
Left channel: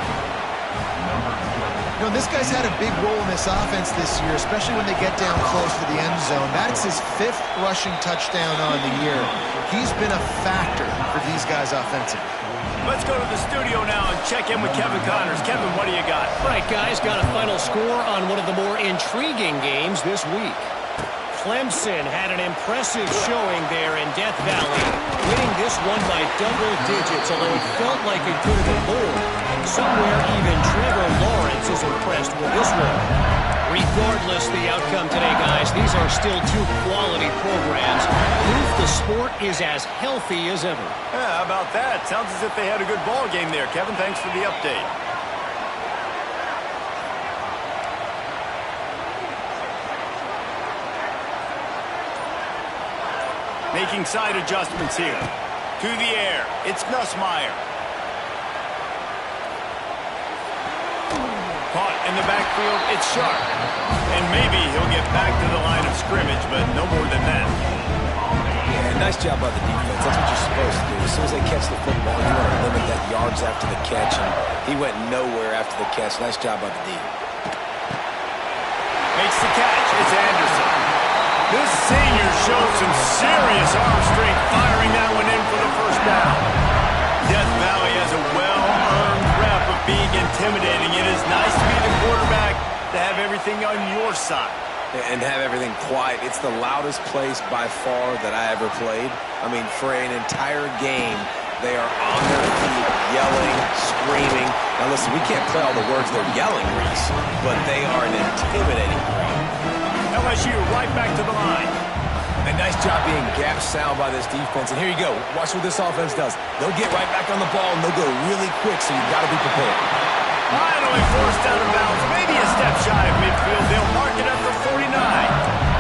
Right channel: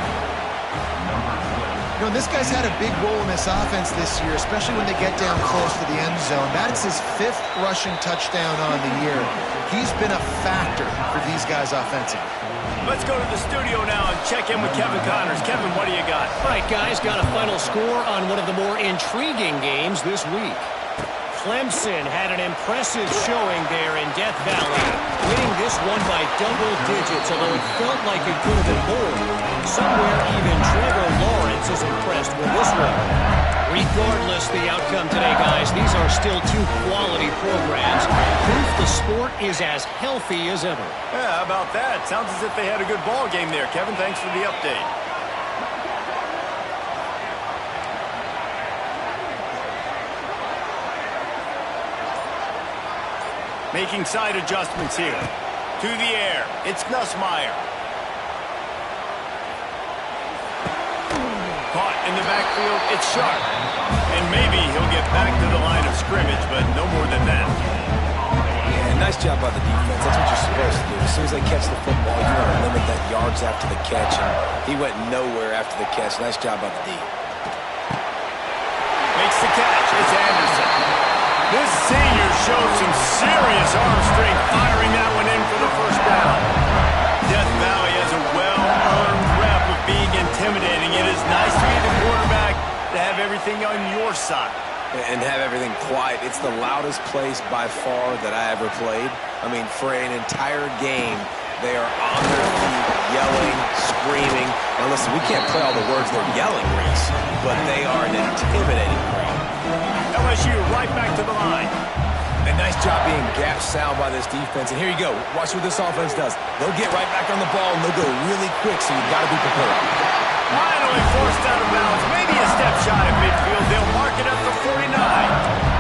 You know, this guy's had a big role in this offense this year, especially when they get down close to the end zone. That's his 5th rushing touchdown on the year. He's been a factor for these guys offensively. Let's go to the studio now and check in with Kevin Connors. Kevin, what do you got? All right, guys, got a final score on one of the more intriguing games this week. Clemson had an impressive showing there in Death Valley, winning this one by double digits, although it felt like it could have been more. Somewhere even Trevor Lawrence is impressed with this one. Regardless the outcome today, guys, these are still 2 quality programs. Proof the sport is as healthy as ever. Yeah, how about that? Sounds as if they had a good ball game there. Kevin, thanks for the update. Making side adjustments here. To the air. It's Nussmeier. Caught in the backfield. It's Sharp. And maybe he'll get back to the line of scrimmage, but no more than that. Yeah, nice job by the defense. That's what you're supposed to do. As soon as they catch the football, you want to limit that yards after the catch, and he went nowhere after the catch. Nice job by the D. Makes the catch. It's Anderson. This senior showed some serious arm strength firing that one in for the first down. Death Valley has a well-earned rep of being intimidating. It is nice to be the quarterback to have everything on your side. And have everything quiet. It's the loudest place by far that I ever played. I mean, for an entire game, they are on their feet, yelling, screaming. Now listen, we can't play all the words they're yelling, Reese, but they are an intimidating crowd. LSU right back to the line. A nice job being gap sound by this defense. And here you go. Watch what this offense does. They'll get right back on the ball, and they'll go really quick, so you've got to be prepared. Finally forced out of bounds. Maybe a step shy of midfield. They'll mark it at the 49.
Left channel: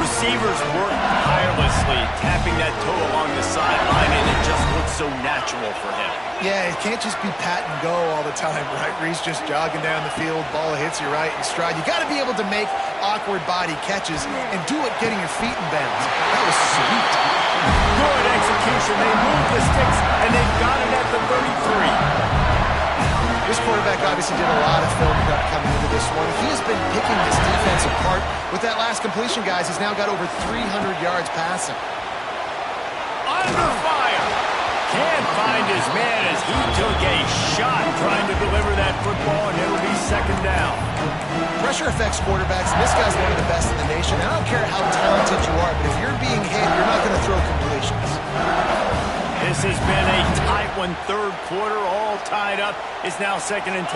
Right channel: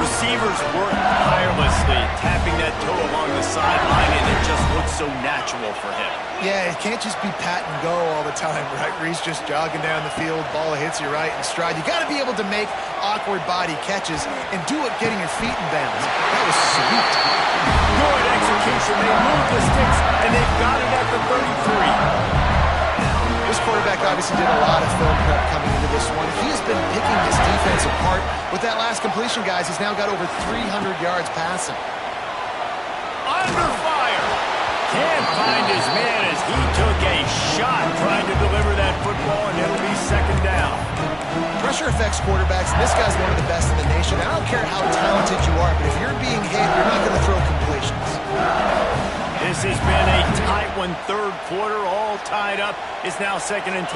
Receivers work tirelessly, tapping that toe along the sideline, and it just looks so natural for him. Yeah, it can't just be pat and go all the time, right? Reese just jogging down the field, ball hits you right in stride. You got to be able to make awkward body catches and do it getting your feet in bounds. That was sweet. Good execution. They move the sticks, and they've got it at the 33. This quarterback obviously did a lot of film prep coming into this one. He has been picking this defense apart. With that last completion, guys, he's now got over 300 yards passing. Under fire. Can't find his man as he took a shot trying to deliver that football, and it'll be second down. Pressure affects quarterbacks, and this guy's one of the best in the nation. I don't care how talented you are, but if you're being hit, you're not going to throw completions. This has been a tight one, third quarter, all tied up. It's now 2nd and 10.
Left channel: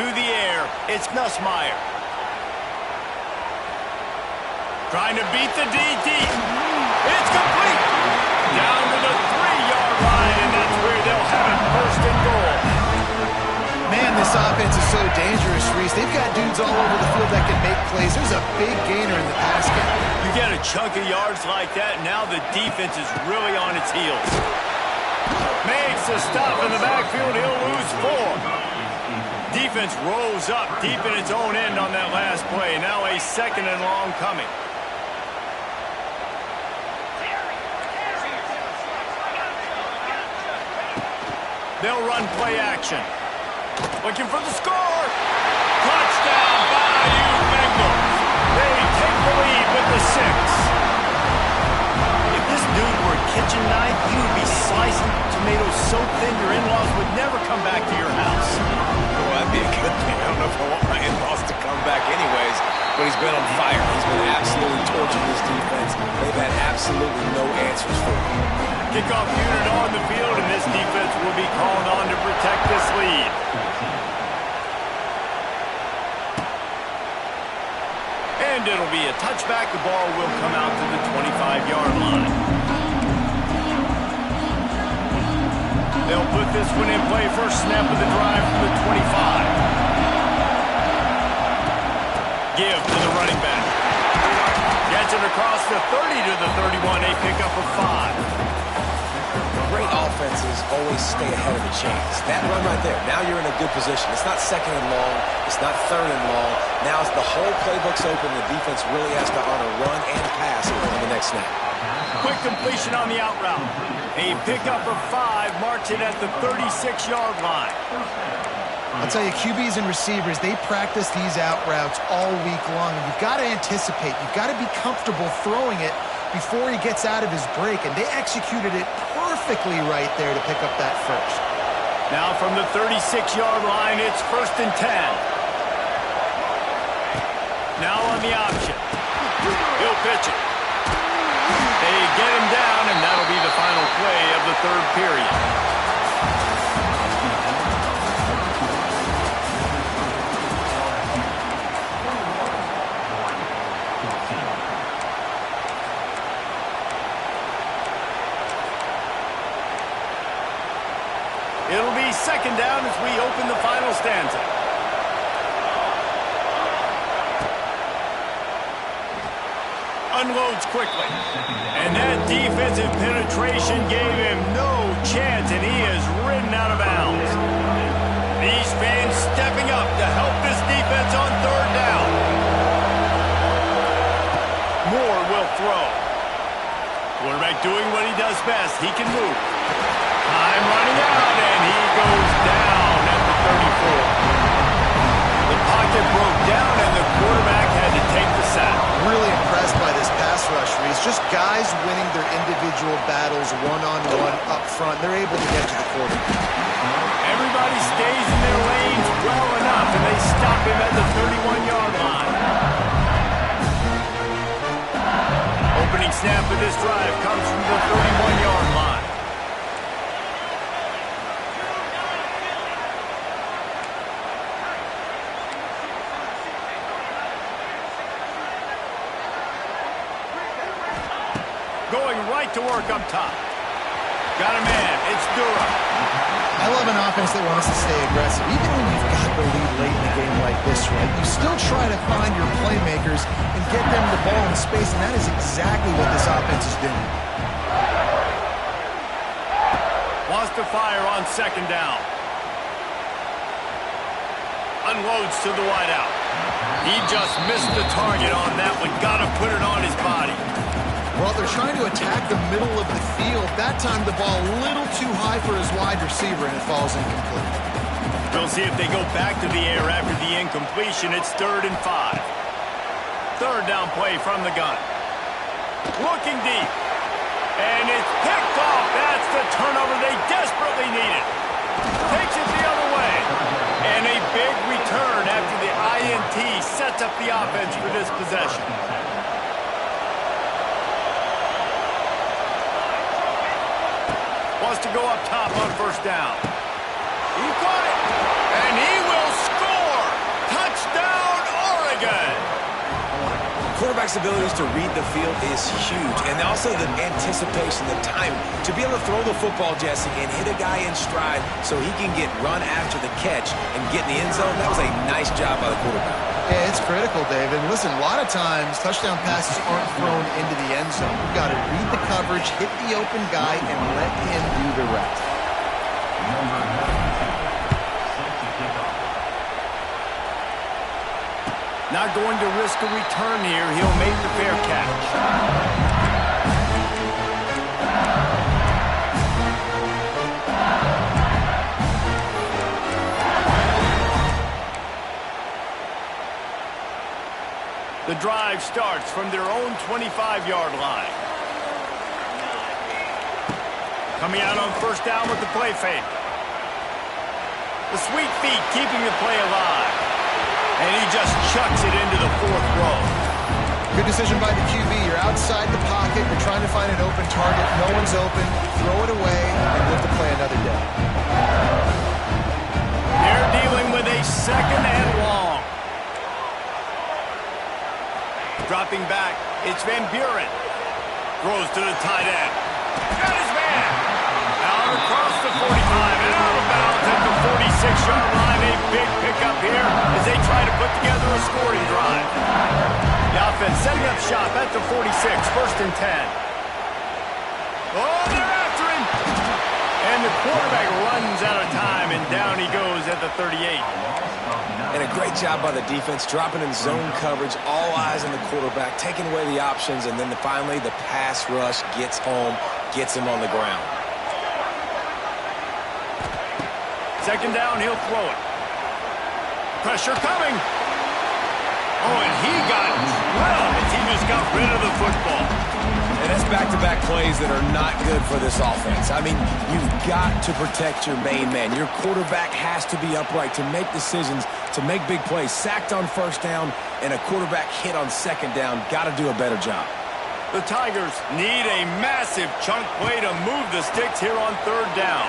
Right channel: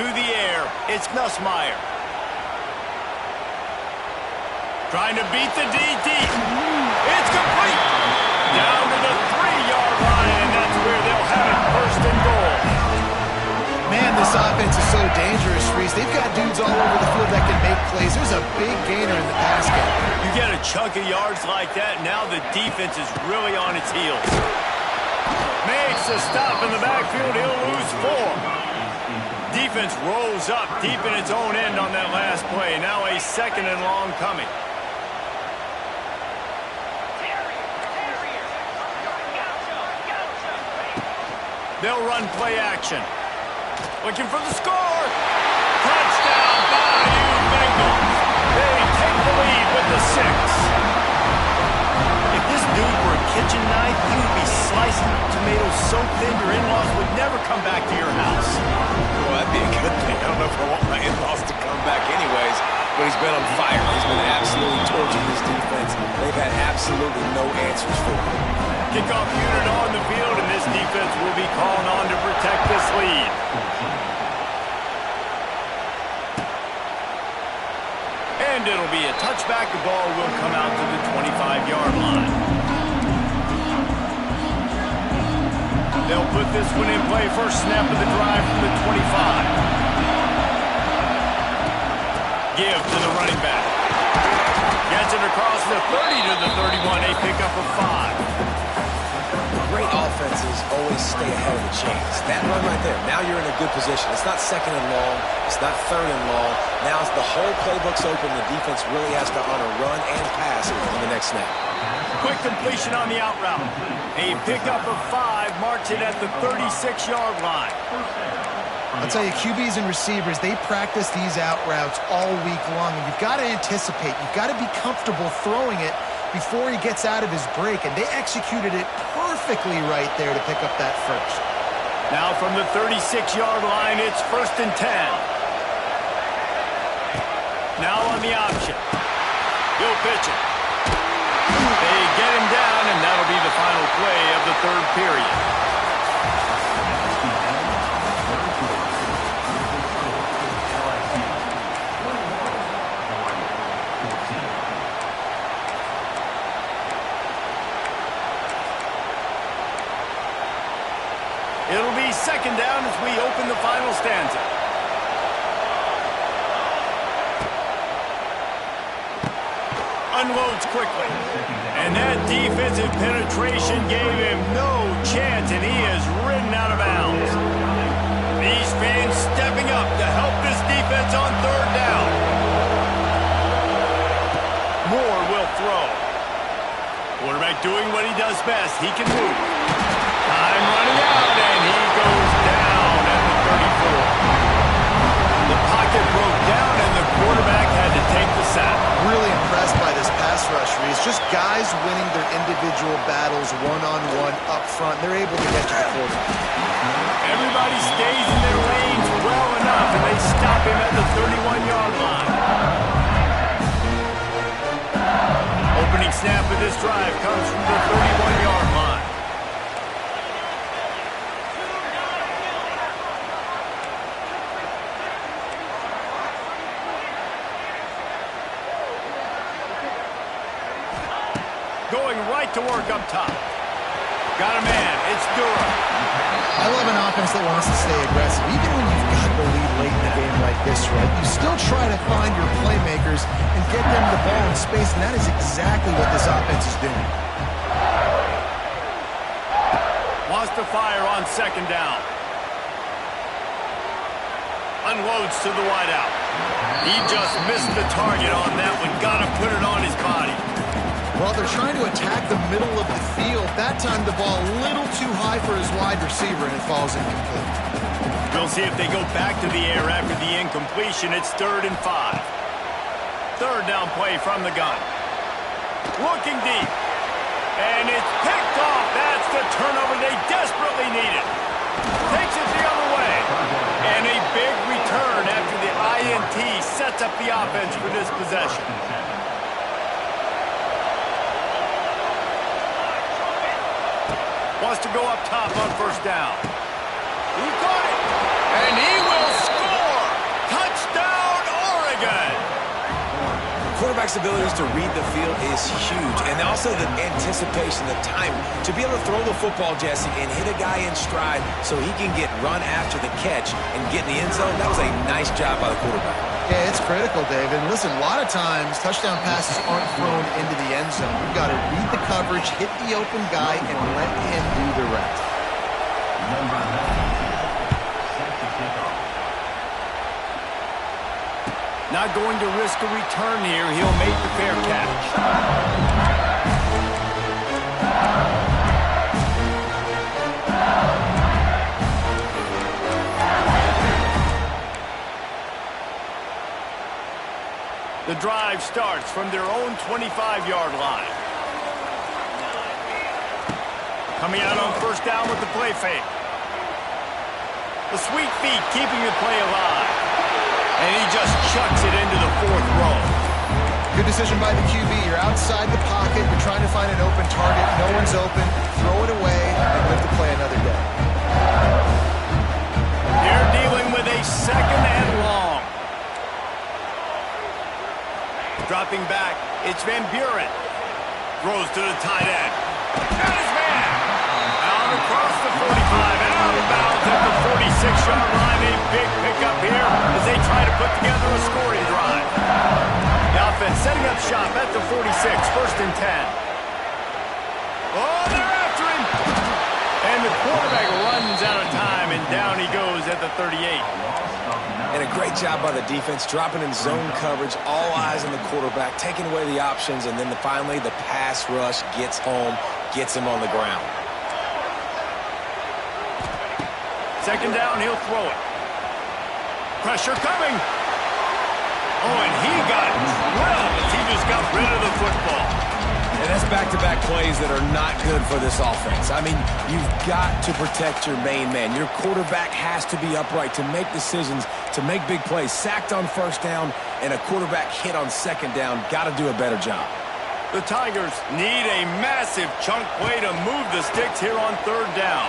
To the air, it's Nussmeier. Trying to beat the DT. It's complete. Down to the 3-yard line, and that's where they'll have it, 1st and goal. Man, this offense is so dangerous, Reese. They've got dudes all over the field that can make plays. There's a big gainer in the pass game. You get a chunk of yards like that, now the defense is really on its heels. Makes a stop in the backfield. He'll lose 4. Defense rose up deep in its own end on that last play. Now a 2nd and long coming. They'll run play action. Looking for the score. Touchdown, Bayou Bengals. They take the lead with the 6. If this dude were a kitchen knife, he would be slicing tomatoes so thin your in-laws would never come back to your house. Well, that'd be a good thing. I don't know if I want my in-laws to come back anyways, but he's been on fire. He's been absolutely torching this defense. They've had absolutely no answers for him. Kickoff unit on the field, and this defense will be called on to protect this lead. And it'll be a touchback. The ball will come out to the 25-yard line. They'll put this one in play. First snap of the drive from the 25. Give to the running back. Gets it across the 30 to the 31. A pickup of 5. Great offenses always stay ahead of the chains. That run right there, now you're in a good position. It's not 2nd and long. It's not 3rd and long. Now as the whole playbook's open, the defense really has to honor run and pass on the next snap. Quick completion on the out route. A pickup of 5 marks it at the 36-yard line. I'll tell you, QBs and receivers, they practice these out routes all week long, and you've got to anticipate. You've got to be comfortable throwing it before he gets out of his break, and they executed it perfectly right there to pick up that first. Now from the 36-yard line, it's 1st and 10. Now on the option. He'll pitch it. They get him down, and that'll be the final play of the 3rd period. It'll be 2nd down as we open the final stanza. Unloads quickly. And that defensive penetration gave him no chance, and he is ridden out of bounds. These fans stepping up to help this defense on 3rd down. Moore will throw. Quarterback doing what he does best. He can move. Time running out, and he goes down at the 34. The pocket broke down, and the quarterback had to take the sack. Really impressed by this pass rush, Reese. Just guys winning their individual battles one-on-one up front. They're able to get to the quarterback. Everybody stays in their lanes well enough, and they stop him at the 31-yard line. Opening snap of this drive comes from the 31-yard line. Going right to work up top. Got a man. It's Durham. I love an offense that wants to stay aggressive. Even when you've got the lead late in the game like this, right? You still try to find your playmakers and get them the ball in space, and that is exactly what this offense is doing. Wants to fire on 2nd down. Unloads to the wideout. He just missed the target on that one. Got to put it on his body. Well, they're trying to attack the middle of the field. That time the ball a little too high for his wide receiver, and it falls incomplete. We'll see if they go back to the air after the incompletion. It's 3rd and 5. 3rd down play from the gun. Looking deep. And it's picked off. That's the turnover they desperately needed. Takes it the other way. And a big return after the INT sets up the offense for this possession. Wants to go up top on first down. He caught it. And he will score. Touchdown, Oregon. Quarterback's abilities to read the field is huge, and also the anticipation, the time to be able to throw the football, Jesse, and hit a guy in stride so he can get run after the catch and get in the end zone. That was a nice job by the quarterback. Yeah, it's critical, David. And listen, a lot of times touchdown passes aren't thrown into the end zone. You've got to read the coverage, hit the open guy, and let him do the rest. Number 92, set to kick off. Not going to risk a return here. He'll make the fair catch. The drive starts from their own 25-yard line. Coming out on first down with the play fake. The sweet feet keeping the play alive. And he just chucks it into the fourth row. Good decision by the QB. You're outside the pocket. You're trying to find an open target. No one's open. Throw it away and live to play another day. They're dealing with a second and long. Dropping back, it's Van Buren. Throws to the tight end. Got his man. Out across the 45 and out of bounds at the 46-yard line. A big pickup here as they try to put together a scoring drive. The offense setting up shop at the 46, first and 10. Oh, they're after him. And the quarterback runs out of time, and down he goes at the 38. And a great job by the defense, dropping in zone coverage, all eyes on the quarterback, taking away the options, and then finally the pass rush gets home, gets him on the ground. Second down, he'll throw it. Pressure coming. Oh, and he got drilled as he just got rid of the football. And that's back-to-back plays that are not good for this offense. I mean, you've got to protect your main man. Your quarterback has to be upright to make decisions, to make big plays. Sacked on first down and a quarterback hit on second down. Got to do a better job. The Tigers need a massive chunk play to move the sticks here on third down.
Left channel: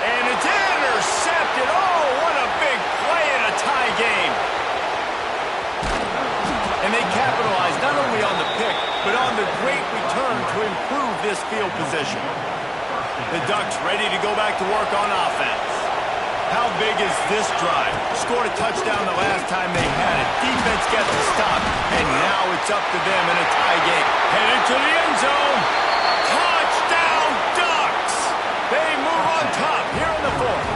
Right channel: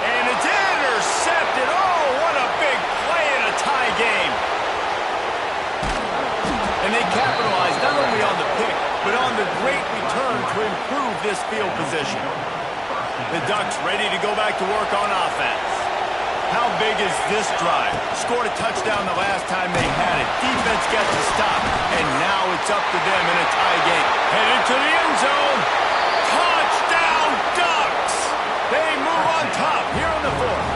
And it's intercepted. Oh, what a big play in a tie game. And they capitalize not only on the pick, but on the great return to improve this field position. The Ducks ready to go back to work on offense. How big is this drive? Scored a touchdown the last time they had it. Defense gets a stop, and now it's up to them in a tie game. Headed to the end zone. Touchdown, Ducks! They move on top here in the fourth.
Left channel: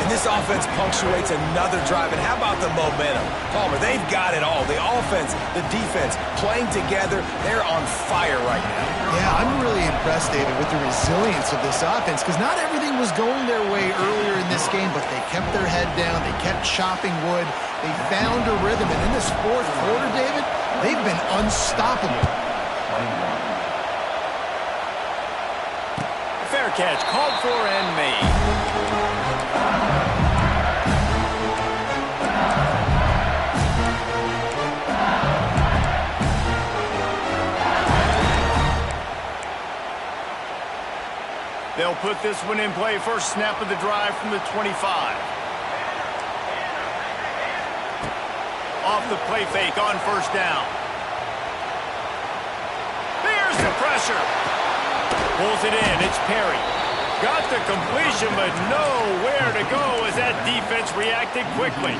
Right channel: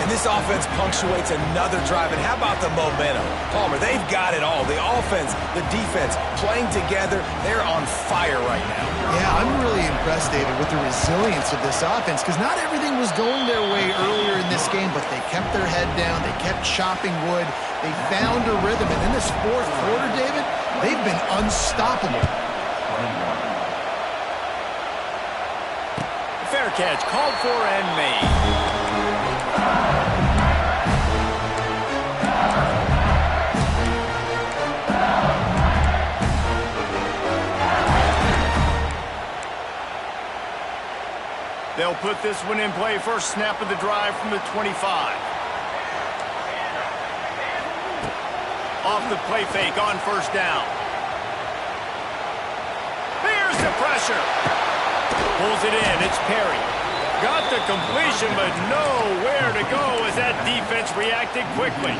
And this offense punctuates another drive. And how about the momentum? Palmer, they've got it all. The offense, the defense, playing together. They're on fire right now. Yeah, I'm really impressed, David, with the resilience of this offense because not everything was going their way earlier in this game, but they kept their head down. They kept chopping wood. They found a rhythm. And in this fourth quarter, David, they've been unstoppable. Fair catch called for and made. They'll put this one in play. First snap of the drive from the 25. Off the play fake on first down. Here's the pressure. Pulls it in. It's Perry. Got the completion, but nowhere to go as that defense reacted quickly.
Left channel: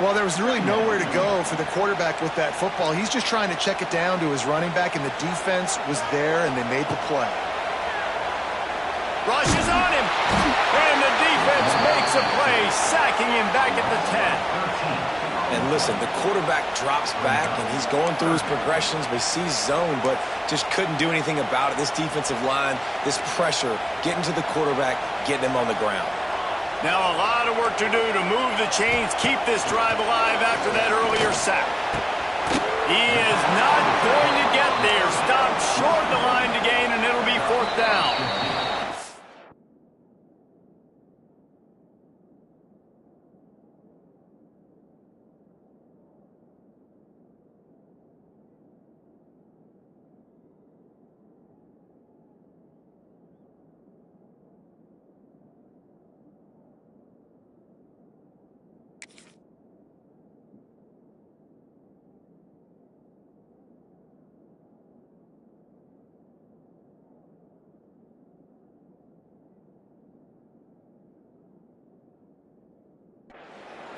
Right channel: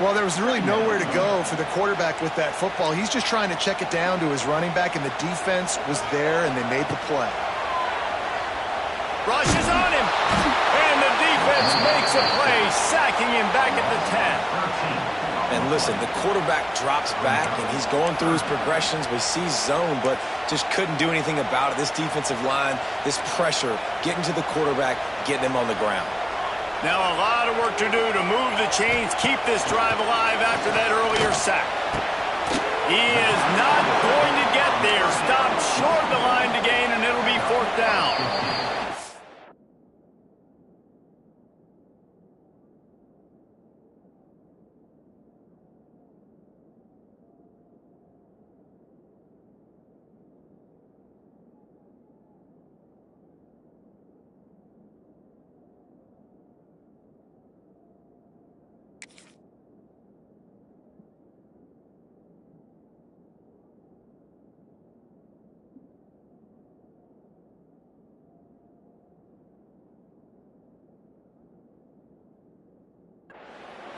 Well, there was really nowhere to go for the quarterback with that football. He's just trying to check it down to his running back, and the defense was there, and they made the play. Rushes on him, and the defense makes a play, sacking him back at the 10. And listen, the quarterback drops back, and he's going through his progressions. We see zone, but just couldn't do anything about it. This defensive line, this pressure, getting to the quarterback, getting him on the ground. Now a lot of work to do to move the chains, keep this drive alive after that earlier sack. He is not going to get there. Stopped short of the line to gain, and it'll be 4th down.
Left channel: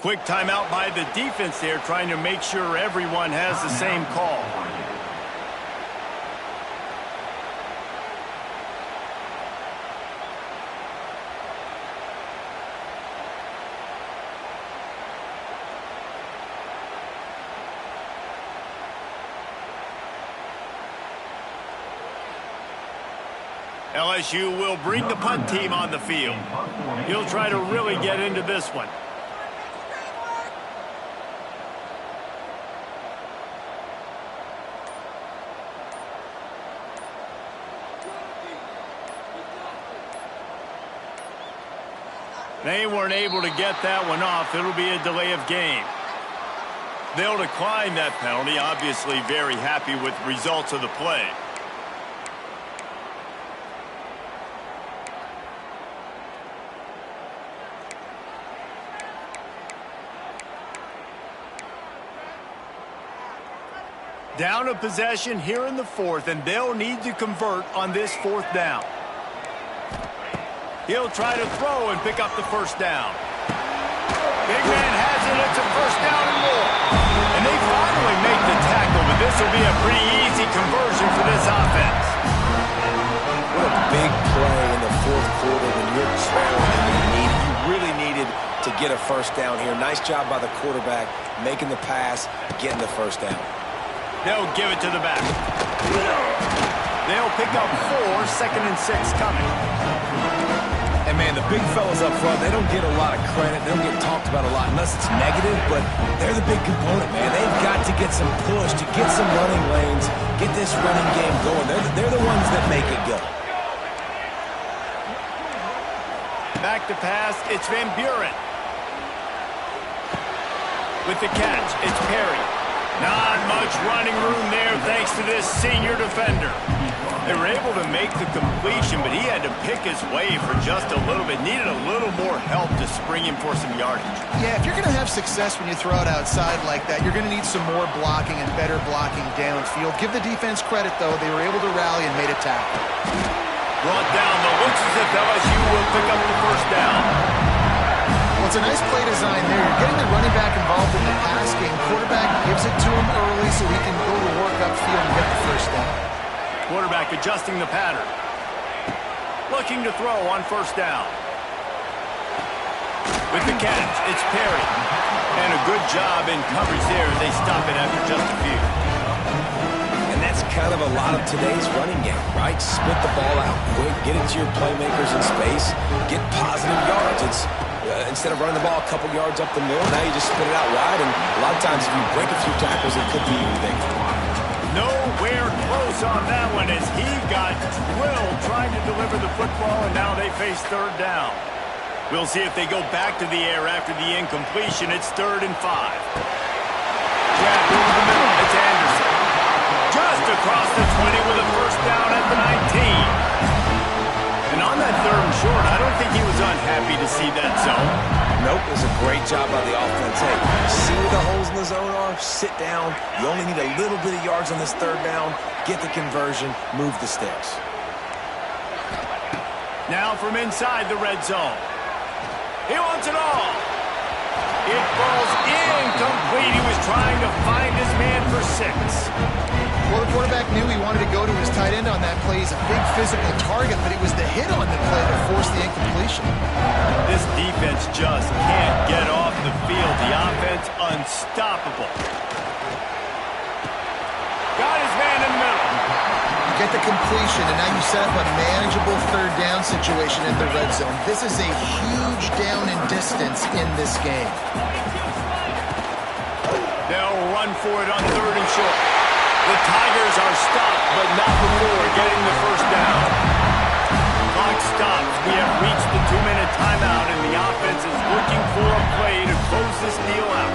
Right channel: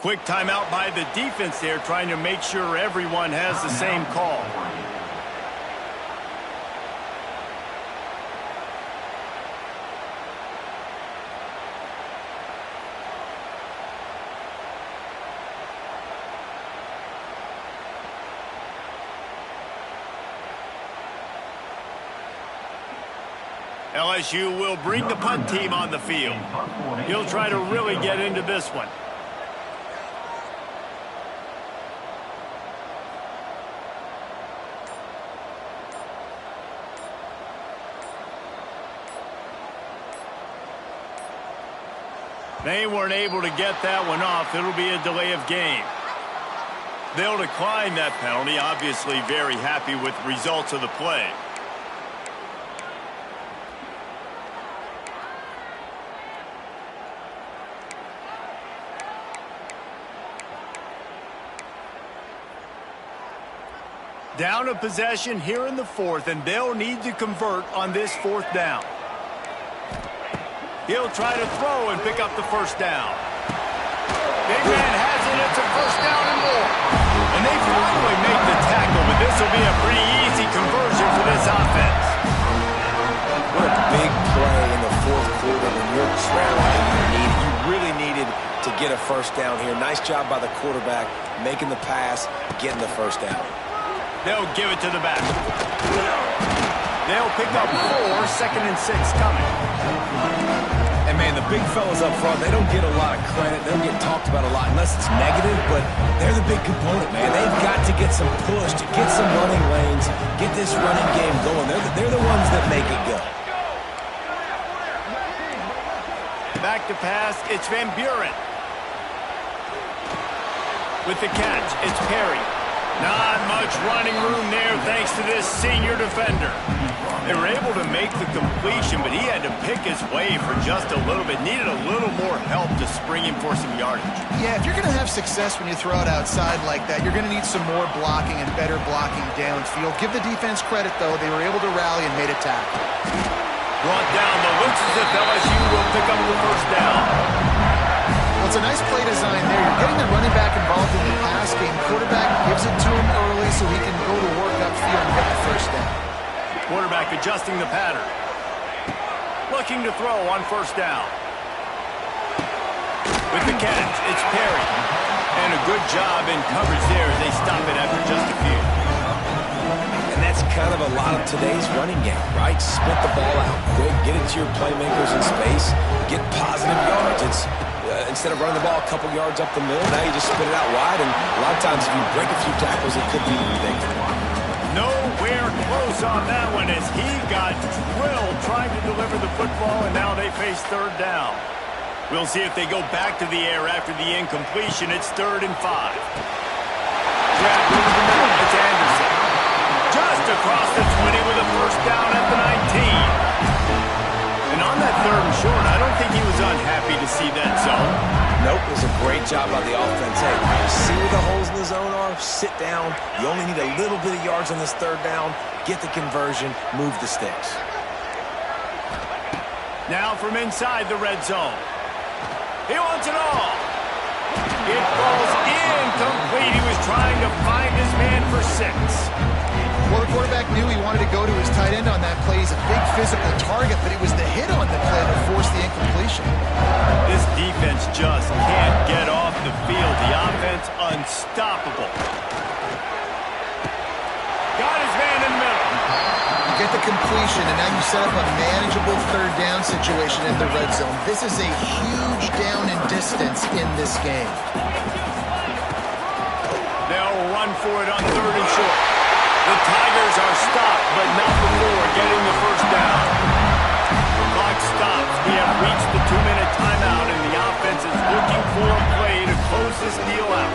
Quick timeout by the defense there, trying to make sure everyone has the same call. LSU will bring the punt team on the field. He'll try to really get into this one. They weren't able to get that one off. It'll be a delay of game. They'll decline that penalty, obviously very happy with the results of the play. Down a possession here in the 4th, and they'll need to convert on this 4th down. He'll try to throw and pick up the 1st down. Big man has it. It's a 1st down and more. And they finally make the tackle, but this will be a pretty easy conversion for this offense. What a big play in the 4th quarter when you're trailing and you really needed to get a 1st down here. Nice job by the quarterback making the pass, getting the 1st down. They'll give it to the back. They'll pick up 4, 2nd and 6 coming. And, man, the big fellas up front, they don't get a lot of credit. They don't get talked about a lot unless it's negative, but they're the big component, man. They've got to get some push, to get some running lanes, get this running game going. They're the ones that make it go. Back to pass, it's Van Buren. With the catch, it's Perry. Not much running room there thanks to this senior defender. They were able to make the completion, but he had to pick his way for just a little bit. Needed a little more help to spring him for some yardage. Yeah, if you're going to have success when you throw it outside like that, you're going to need some more blocking and better blocking downfield. Give the defense credit, though. They were able to rally and made a tackle. Brought down, but looks as if LSU will pick up the 1st down. Well, it's a nice play design there. You're getting the running back involved in the pass game. Quarterback gives it to him early so he can go to work upfield and get the 1st down. Quarterback adjusting the pattern. Looking to throw on 1st down. With the catch, it's Perry. And a good job in coverage there as they stop it after just a few. And that's kind of a lot of today's running game, right? Spit the ball out quick, get it to your playmakers in space, get positive yards. It's instead of running the ball a couple yards up the middle, now you just spit it out wide, and a lot of times if you break a few tackles, it could be even bigger. Nowhere close on that one as he got drilled trying to deliver the football, and now they face 3rd down. We'll see if they go back to the air after the incompletion. It's 3rd and 5. Grabbed over the middle. It's Anderson. Just across the 20 with a 1st down at the 19. And on that 3rd and short, I don't think he was unhappy to see that zone. Nope, it was a great job by the offense. Hey, see where the holes in the zone are? Sit down. You only need a little bit of yards on this 3rd down. Get the conversion. Move the sticks. Now from inside the red zone. He wants it all. It falls incomplete. He was trying to find his man for 6. Well, the quarterback knew he wanted to go to his tight end on that play. He's a big physical target, but it was the hit on the play that forced the incompletion. This defense just can't get off the field. The offense unstoppable. Got his man in the middle. You get the completion, and now you set up a manageable 3rd down situation in the red zone. This is a huge down in distance in this game. They'll run for it on 3rd and short. The Tigers are stopped, but not before getting the first down. The clock stops. We have reached the 2-minute timeout, and the offense is looking for a play to close this deal out.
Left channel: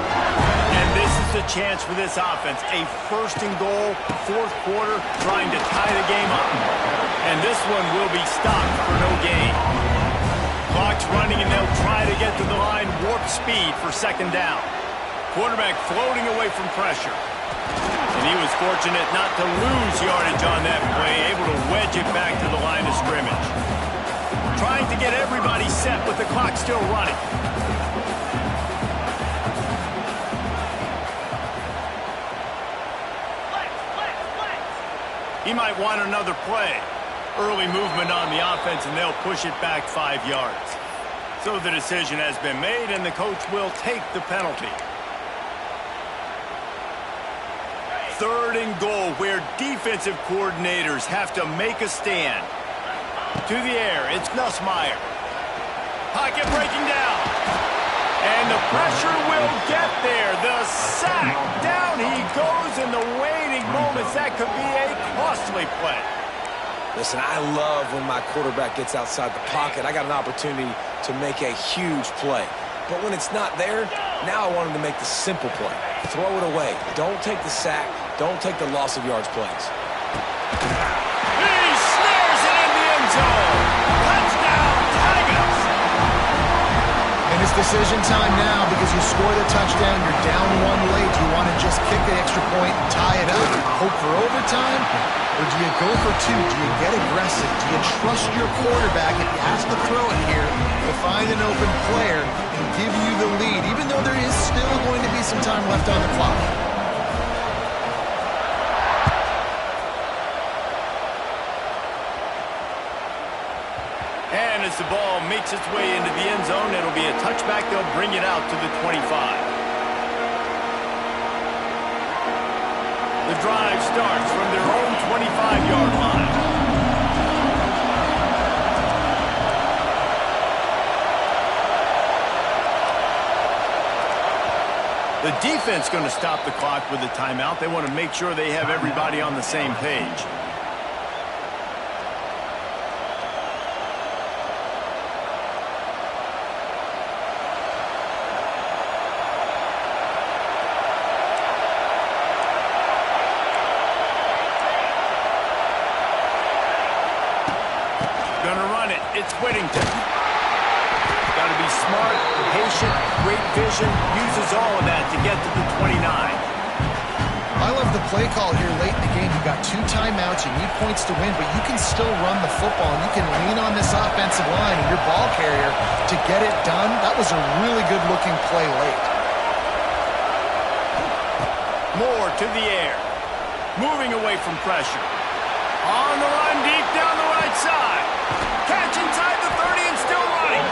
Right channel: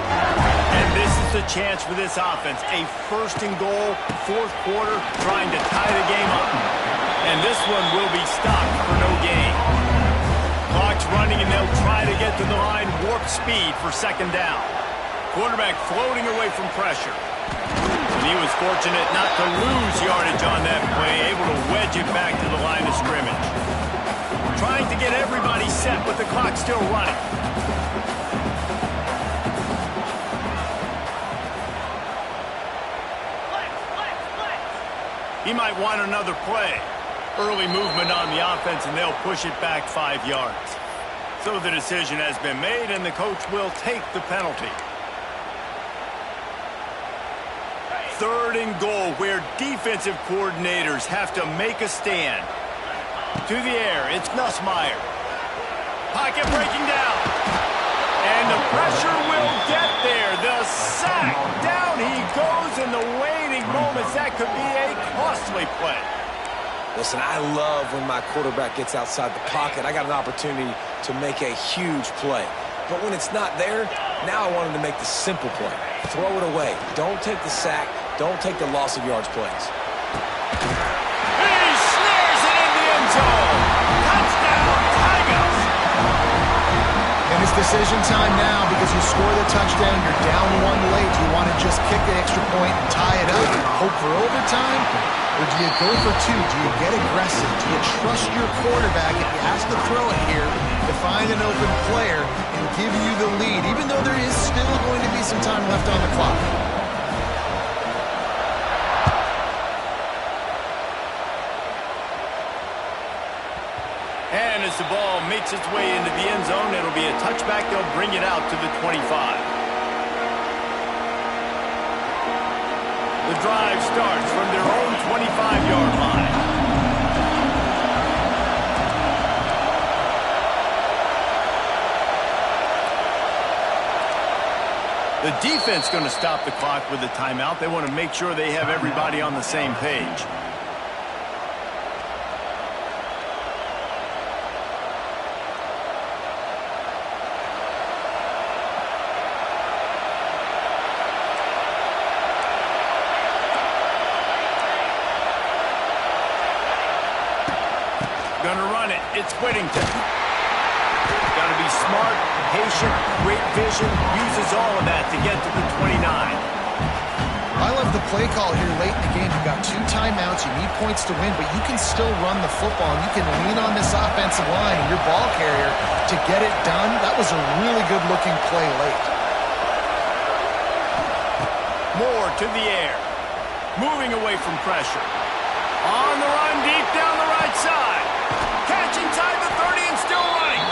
And this is the chance for this offense. A 1st and goal, 4th quarter, trying to tie the game up. And this one will be stopped for no gain. Clock's running, and they'll try to get to the line warp speed for 2nd down. Quarterback floating away from pressure. And he was fortunate not to lose yardage on that play, able to wedge it back to the line of scrimmage. Trying to get everybody set with the clock still running. He might want another play. Early movement on the offense, and they'll push it back 5 yards. So the decision has been made, and the coach will take the penalty. 3rd and goal, where defensive coordinators have to make a stand. To the air, it's Nussmeier. Pocket breaking down. And the pressure will get there. The sack. Down he goes in the waiting moments. That could be a costly play. Listen, I love when my quarterback gets outside the pocket. I got an opportunity to make a huge play. But when it's not there, now I want him to make the simple play. Throw it away. Don't take the sack. Don't take the loss of yards plays. He snares it in the end zone. Touchdown, Tigers. And it's decision time now because you score the touchdown, you're down 1 late. Do you want to just kick the extra point and tie it up, hope for overtime? Or do you go for 2? Do you get aggressive? Do you trust your quarterback if he has to throw it here to find an open player and give you the lead, even though there is still going to be some time left on the clock? And as the ball makes its way into the end zone, it'll be a touchback. They'll bring it out to the 25. The drive starts from their own 25-yard line. The defense going to stop the clock with a timeout. They want to make sure they have everybody on the same page. Gonna run it. It's Whittington. Got to be smart, patient, great vision. Uses all of that to get to the 29. I love the play call here late in the game. You've got 2 timeouts. You need points to win, but you can still run the football, and you can lean on this offensive line and your ball carrier to get it done. That was a really good-looking play late. Moore to the air. Moving away from pressure. On the run, deep down the right side. Catch inside the 30 and still running.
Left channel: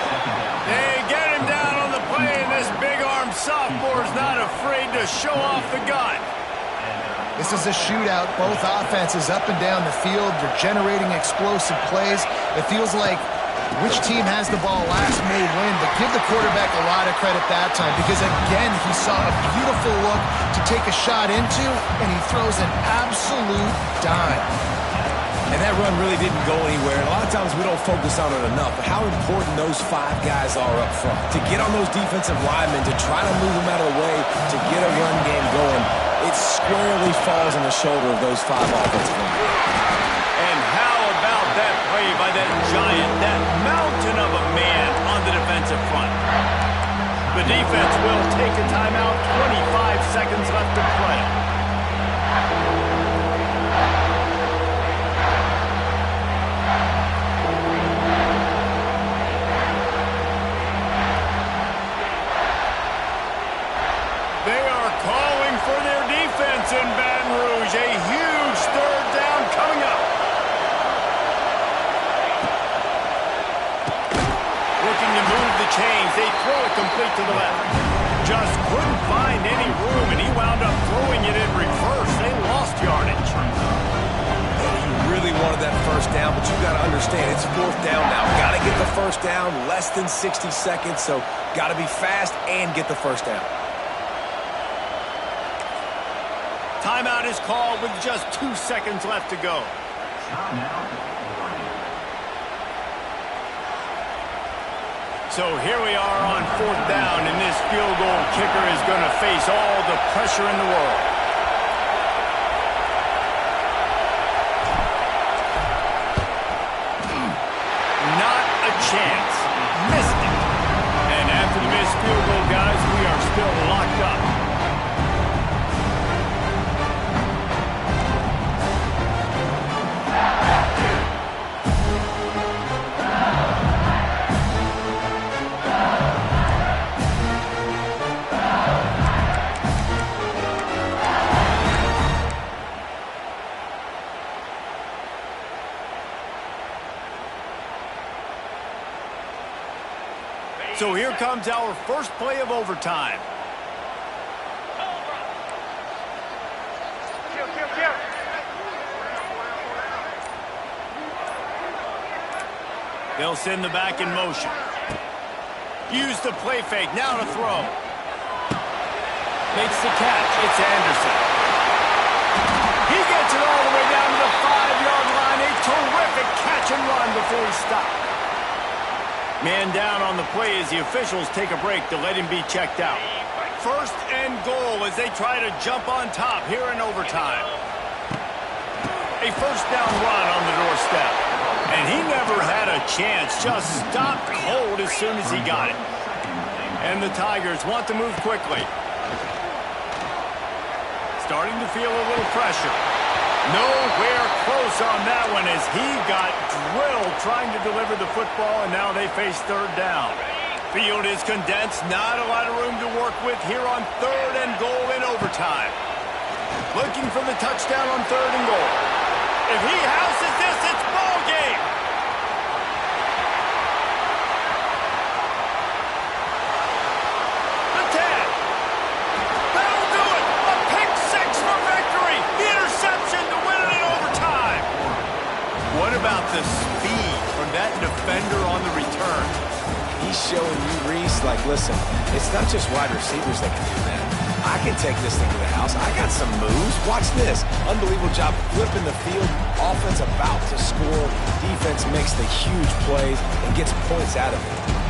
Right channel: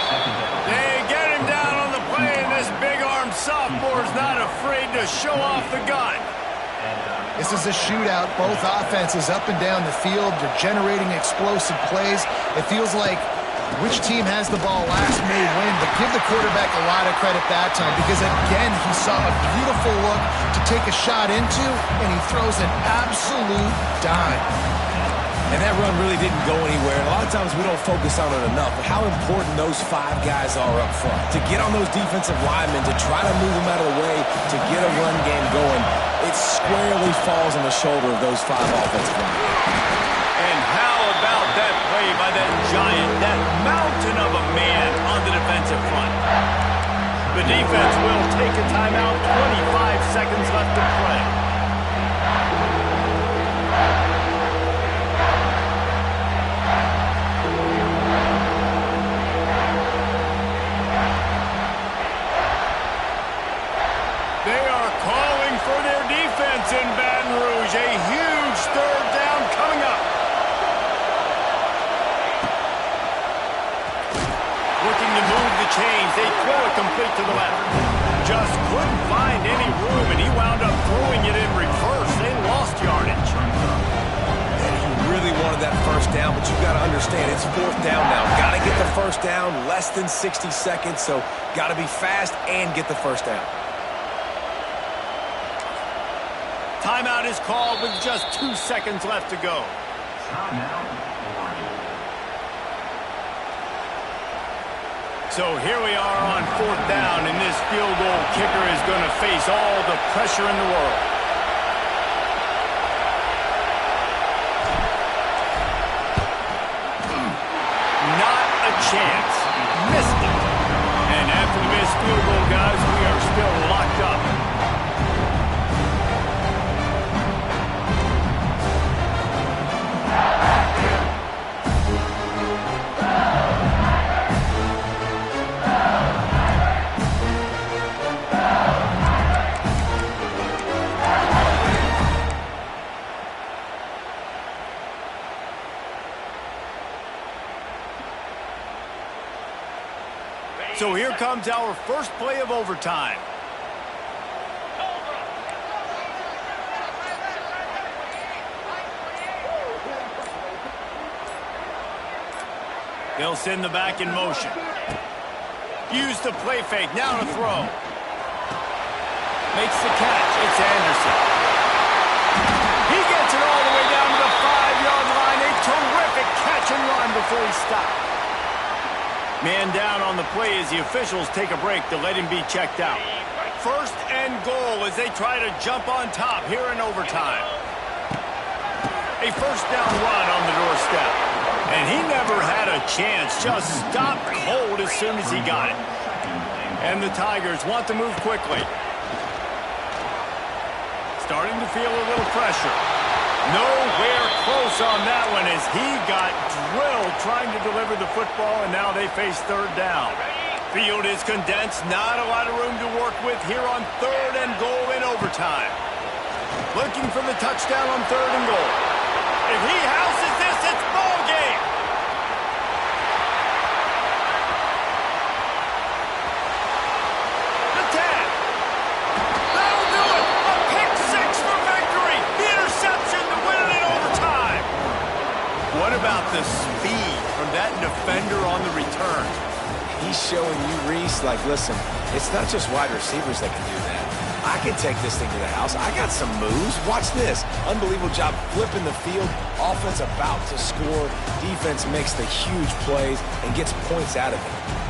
They get him down on the play, and this big-armed sophomore's not afraid to show off the gun. This is a shootout. Both offenses up and down the field. They're generating explosive plays. It feels like which team has the ball last may win, but give the quarterback a lot of credit that time because, again, he saw a beautiful look to take a shot into, and he throws an absolute dime. And that run really didn't go anywhere. And a lot of times we don't focus on it enough, but how important those 5 guys are up front. To get on those defensive linemen, to try to move them out of the way, to get a run game going, it squarely falls on the shoulder of those 5 offensive linemen. And how about that play by that giant, that mountain of a man on the defensive front? The defense will take a timeout, 25 seconds left to play. They are calling for their defense in Baton Rouge. A huge 3rd down coming up. Looking to move the chains. They throw it complete to the left. Just couldn't find any room, and he wound up throwing it in reverse. They lost yardage. You really wanted that 1st down, but you got to understand it's 4th down now. Got to get the 1st down, less than 60 seconds, so got to be fast and get the 1st down. Timeout is called with just 2 seconds left to go. Timeout, Oregon. So here we are on 4th down, and this field goal kicker is going to face all the pressure in the world. Not a chance. Missed it. And after the missed field goal, guys, we are still locked up. So here comes our first play of overtime. They'll send the back in motion. Use the play fake. Now to throw. Makes the catch. It's Anderson. He gets it all the way down to the 5-yard line. A terrific catch and run before he stopped. Man down on the play as the officials take a break to let him be checked out. 1st and goal as they try to jump on top here in overtime. A 1st down run on the doorstep. And he never had a chance, just stopped cold as soon as he got it. And the Tigers want to move quickly. Starting to feel a little pressure. Nowhere close on that one as he got drilled trying to deliver the football, and now they face 3rd down. Field is condensed, not a lot of room to work with here on 3rd and goal in overtime. Looking for the touchdown on 3rd and goal. If he houses this, it's ball game. The 10. That'll do it. A pick 6 for victory. The interception to win it in overtime. What about the speed from that defender on the return? He's showing you, Reese, like, listen, it's not just wide receivers that can do that. I can take this thing to the house. I got some moves. Watch this. Unbelievable job flipping the field. Offense about to score. Defense makes the huge plays and gets points out of it.